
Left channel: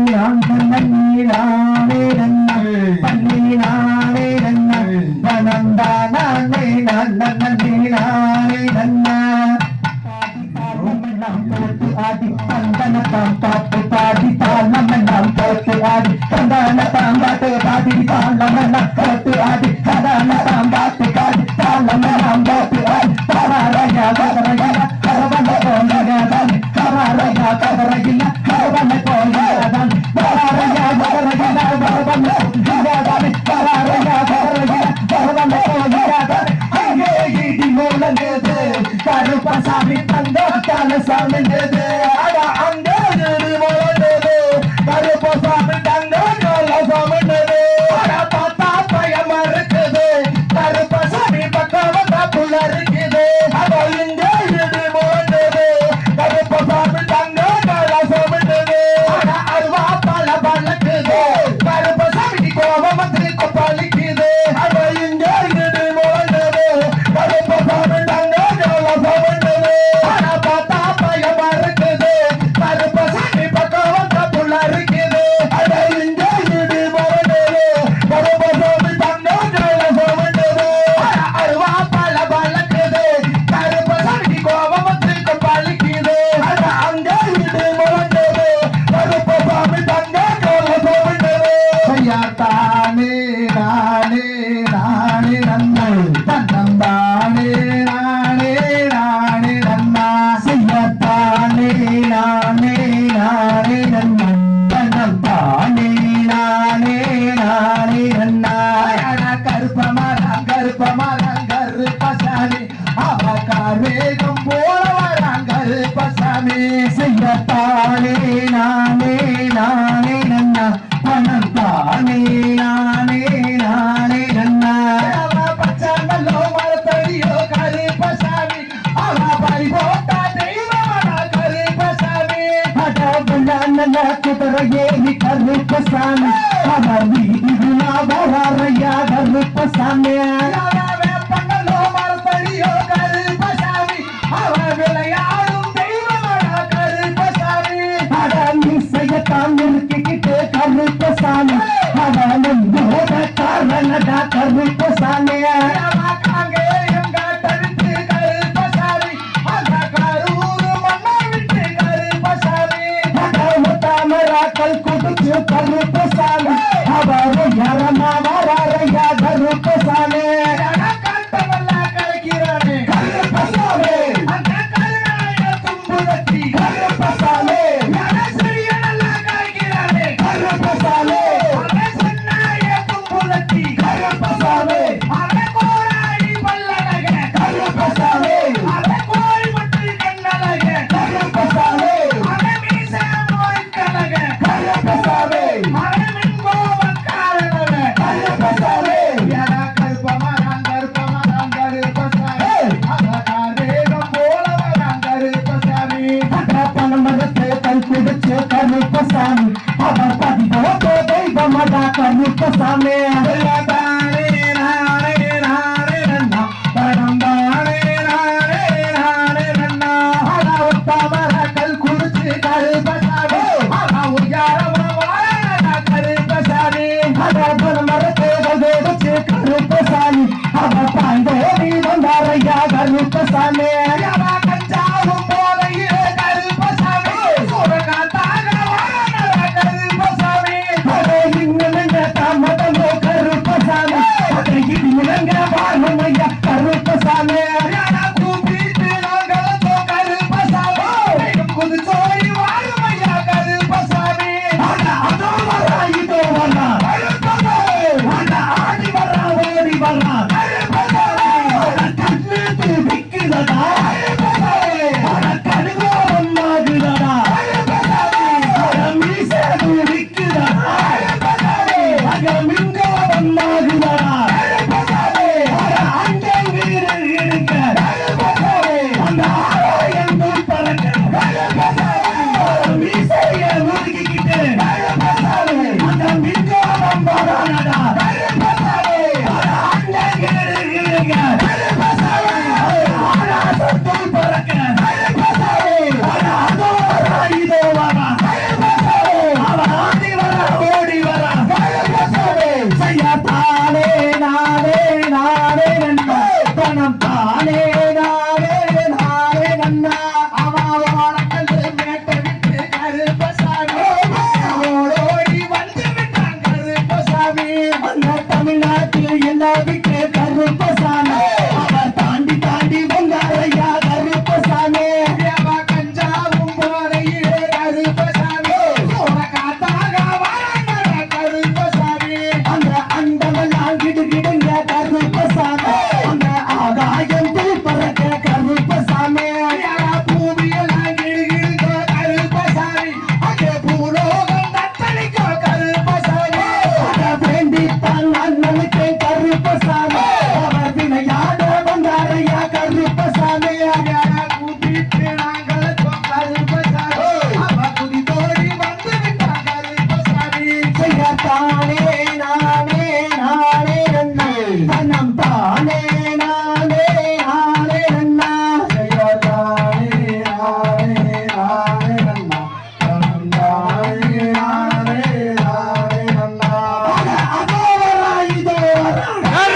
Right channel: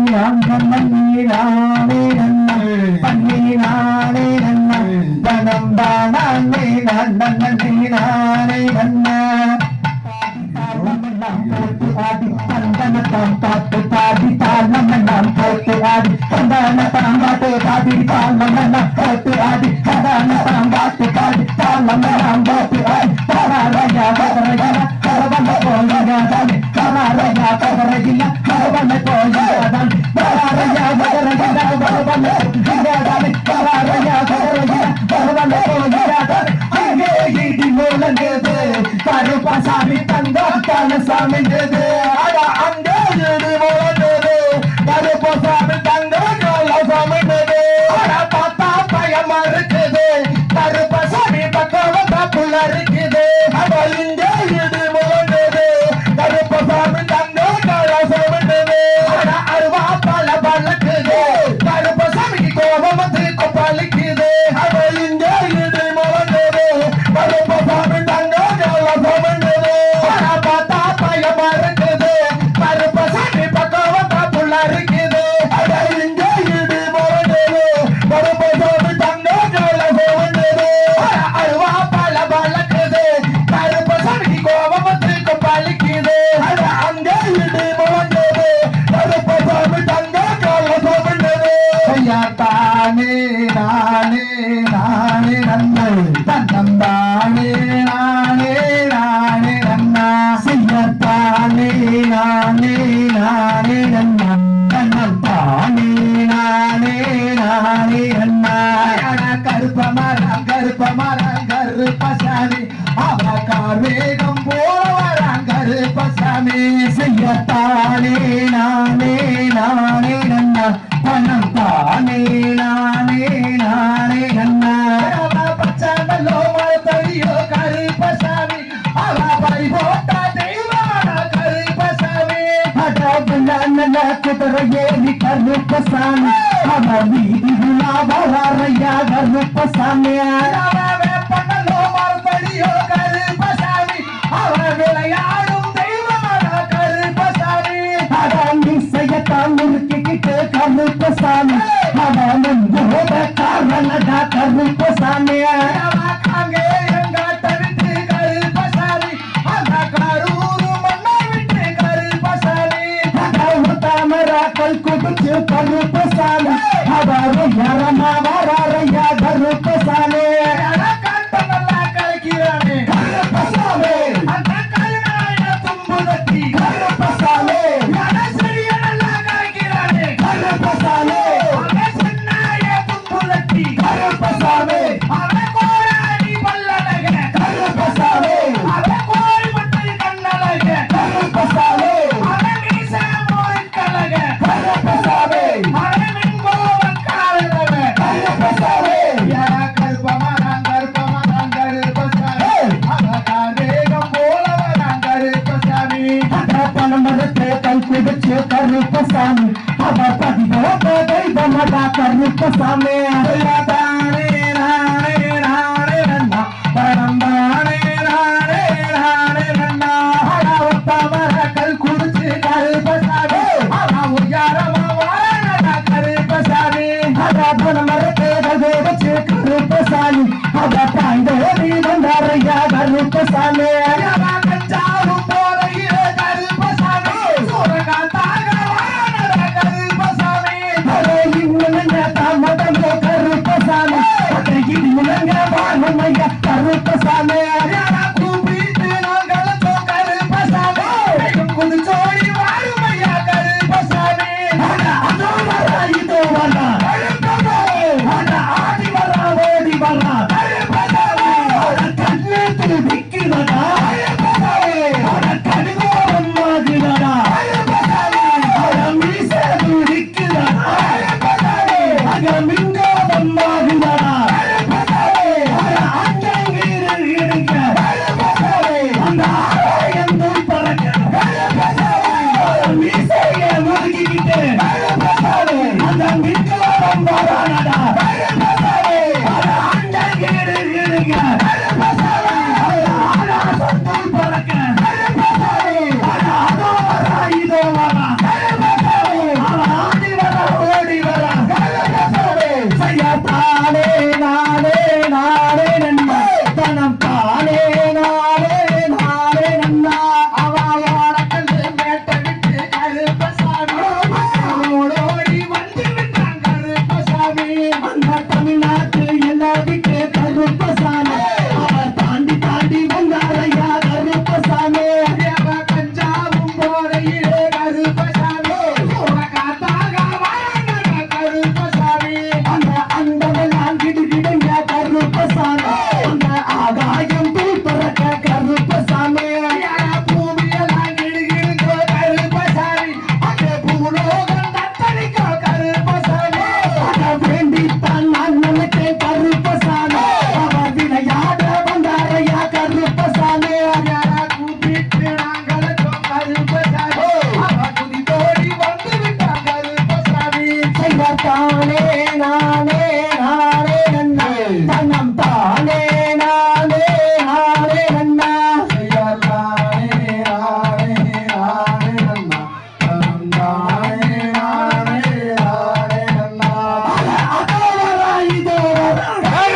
ஏறி கருப்பசாமி அவர் வீதி வராரையா கருப்பசாமி கருப்பசாமி அவன் கருப்பசாமி கருப்பசாமி அவன் யாரமா வராரையா கருப்பசாமி கருப்பசாமி அவர் பதிவோட தெய்வமடா கருப்பசாமி கருப்பசாமி அவர் தாய்ந்தோடி வந்தாரையா கருப்பசாமி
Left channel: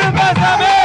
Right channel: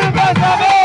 கருப்பசாமி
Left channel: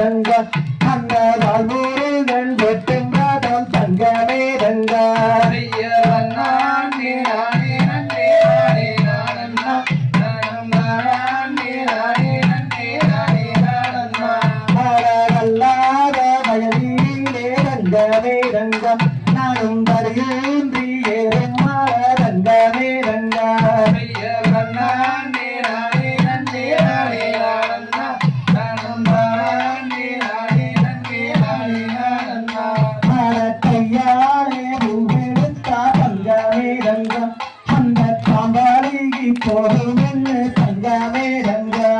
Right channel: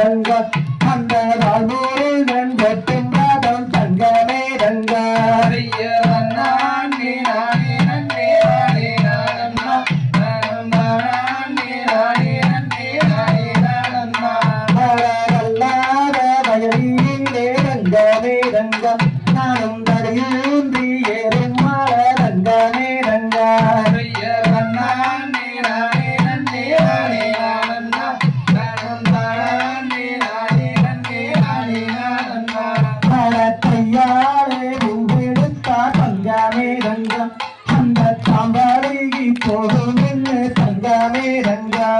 ரங்க கண்ணதால் மேல் வென்ற தெங்காதம் தங்கமே ரங்க ரங்கமே ரங்கம் நானும் தருகின்றி ஏறும் ரங்கமே ரங்கா கையாளே உவிழுத்தா தங்கமே ரங்கம் அந்த தாம்பாளிகி போதும் என்று தங்கமே ரங்கா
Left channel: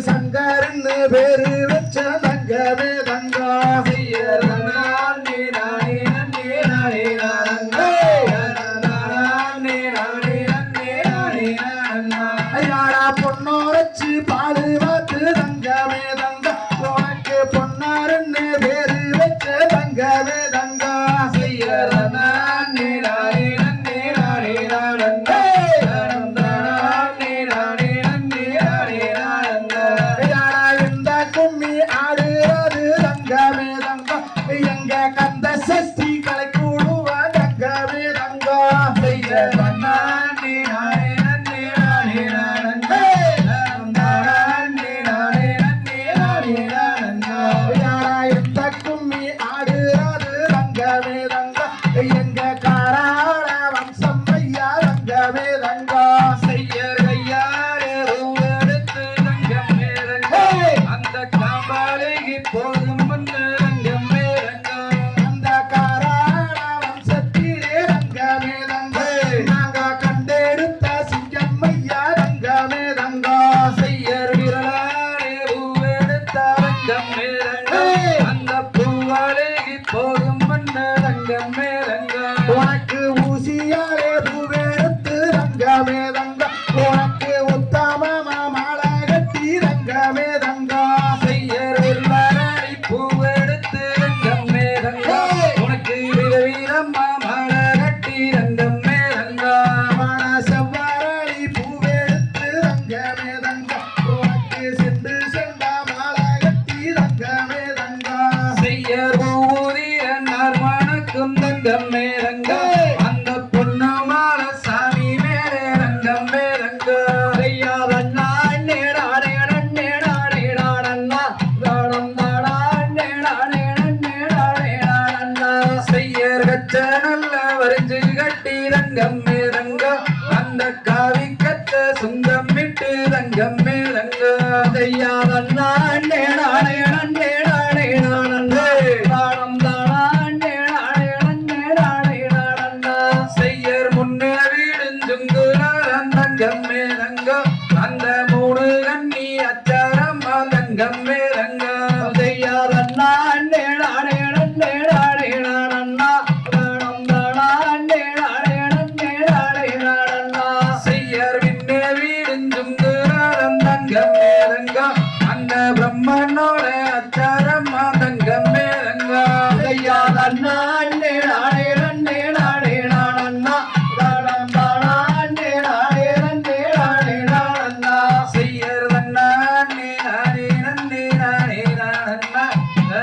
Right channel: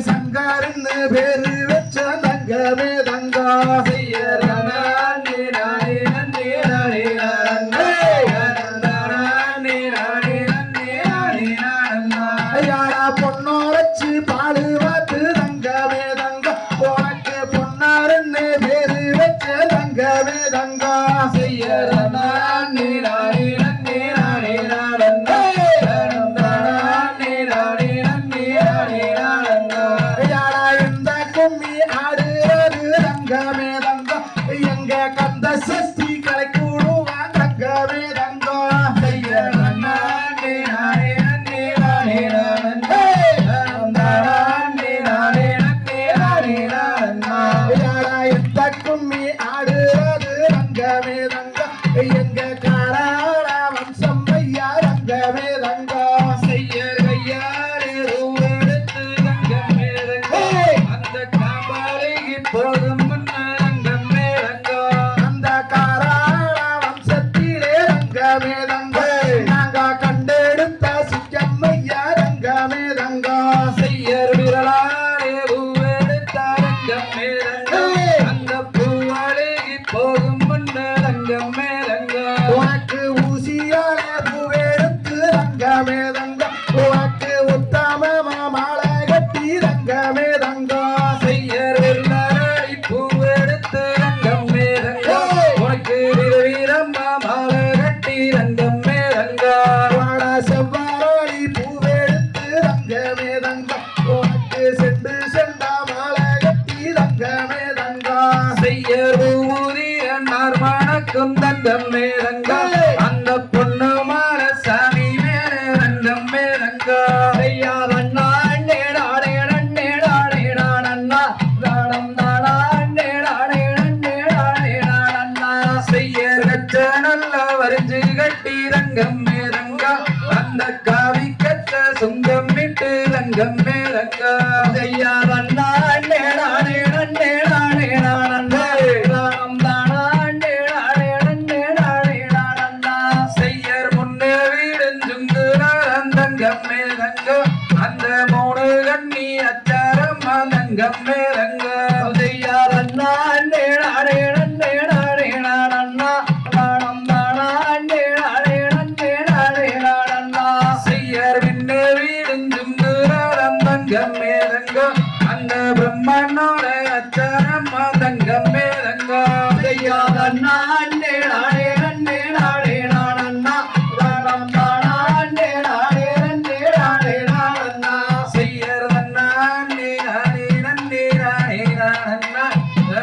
சங்கரன்னு பேரு வச்ச தங்கமே தங்கா பொன்னோரச்சு பாடு வாத்து தங்கமே தங்க உனக்கு பொன்னாருன்னு பேரு வச்ச தங்கமே தங்கா செய்யறனா எங்க கந்த சஷ்டி கலை கூடுவா தங்கமே தங்கா எந்த கும்மி ஆடுறது தங்கமே தங்கா எங்க காராள வம்சம் ஐயா தங்கமே தங்கா செய்யர் ஐயாரே எடுத்து தங்கமே தங்கா அந்த காபாலைக்கு போகும் வச்ச நல்ல வரைஞ்சு கட்டி ரங்கம் மேரங்கா அந்த காவி கத்த சுங்கம் விட்டு ரங்கம் மேரங்கா செய்யாதண்ணா நேடானே நன்னேடானே நானே செய்யர் முன்னே வீடுஞ்சுங்கு நாரந்தங்கம் மேரங்கா அந்த மூணு கண்ணி அச்சாரம் தங்கம் மேரங்கா செய்யாதண்ணா நேடானே நன்னேடானே நானண்ணா செய்யார் பின்னே வீடுஞ்சுங்கு நாரந்தங்கம் மேரங்கா அந்த பிரம்மனோட அச்சாரம் தங்கம் மேரங்கா செய்யாதண்ணா நேடானே நன்னேடானே நானண்ணா செய்யர் தன்னா நே நானே நன்னே நானே நானண்ணா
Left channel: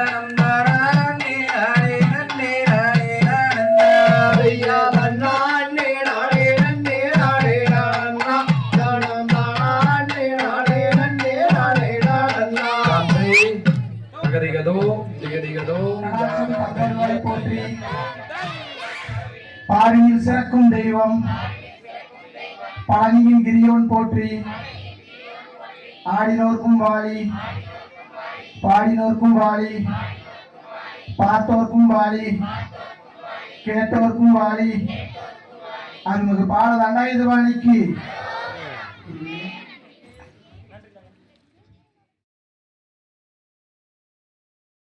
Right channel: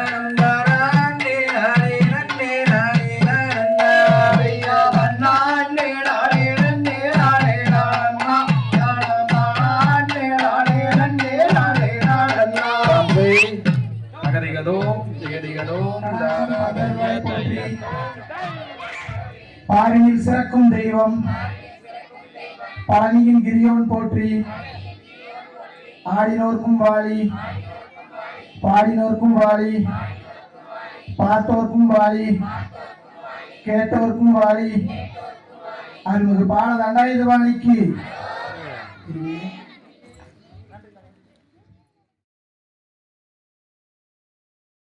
நம்பரானே நானே நன்னே நானே நானண்ணா செய்யாதண்ணா நேடானே நன்னே நானே நானண்ணா நகரிகதோ ஜெகதிகதோ போற்றி பாரியில் சிறக்கும் தெய்வம் பழனியின் கிரியவன் போற்றி ஆடினோர்க்கும் வாழி பாடினோர்க்கும் வாழி பார்த்தோர்க்கும் வாழி கேட்டோர்க்கும் வாழி அருள்மிகு பால தண்டாயுதபாணிக்கு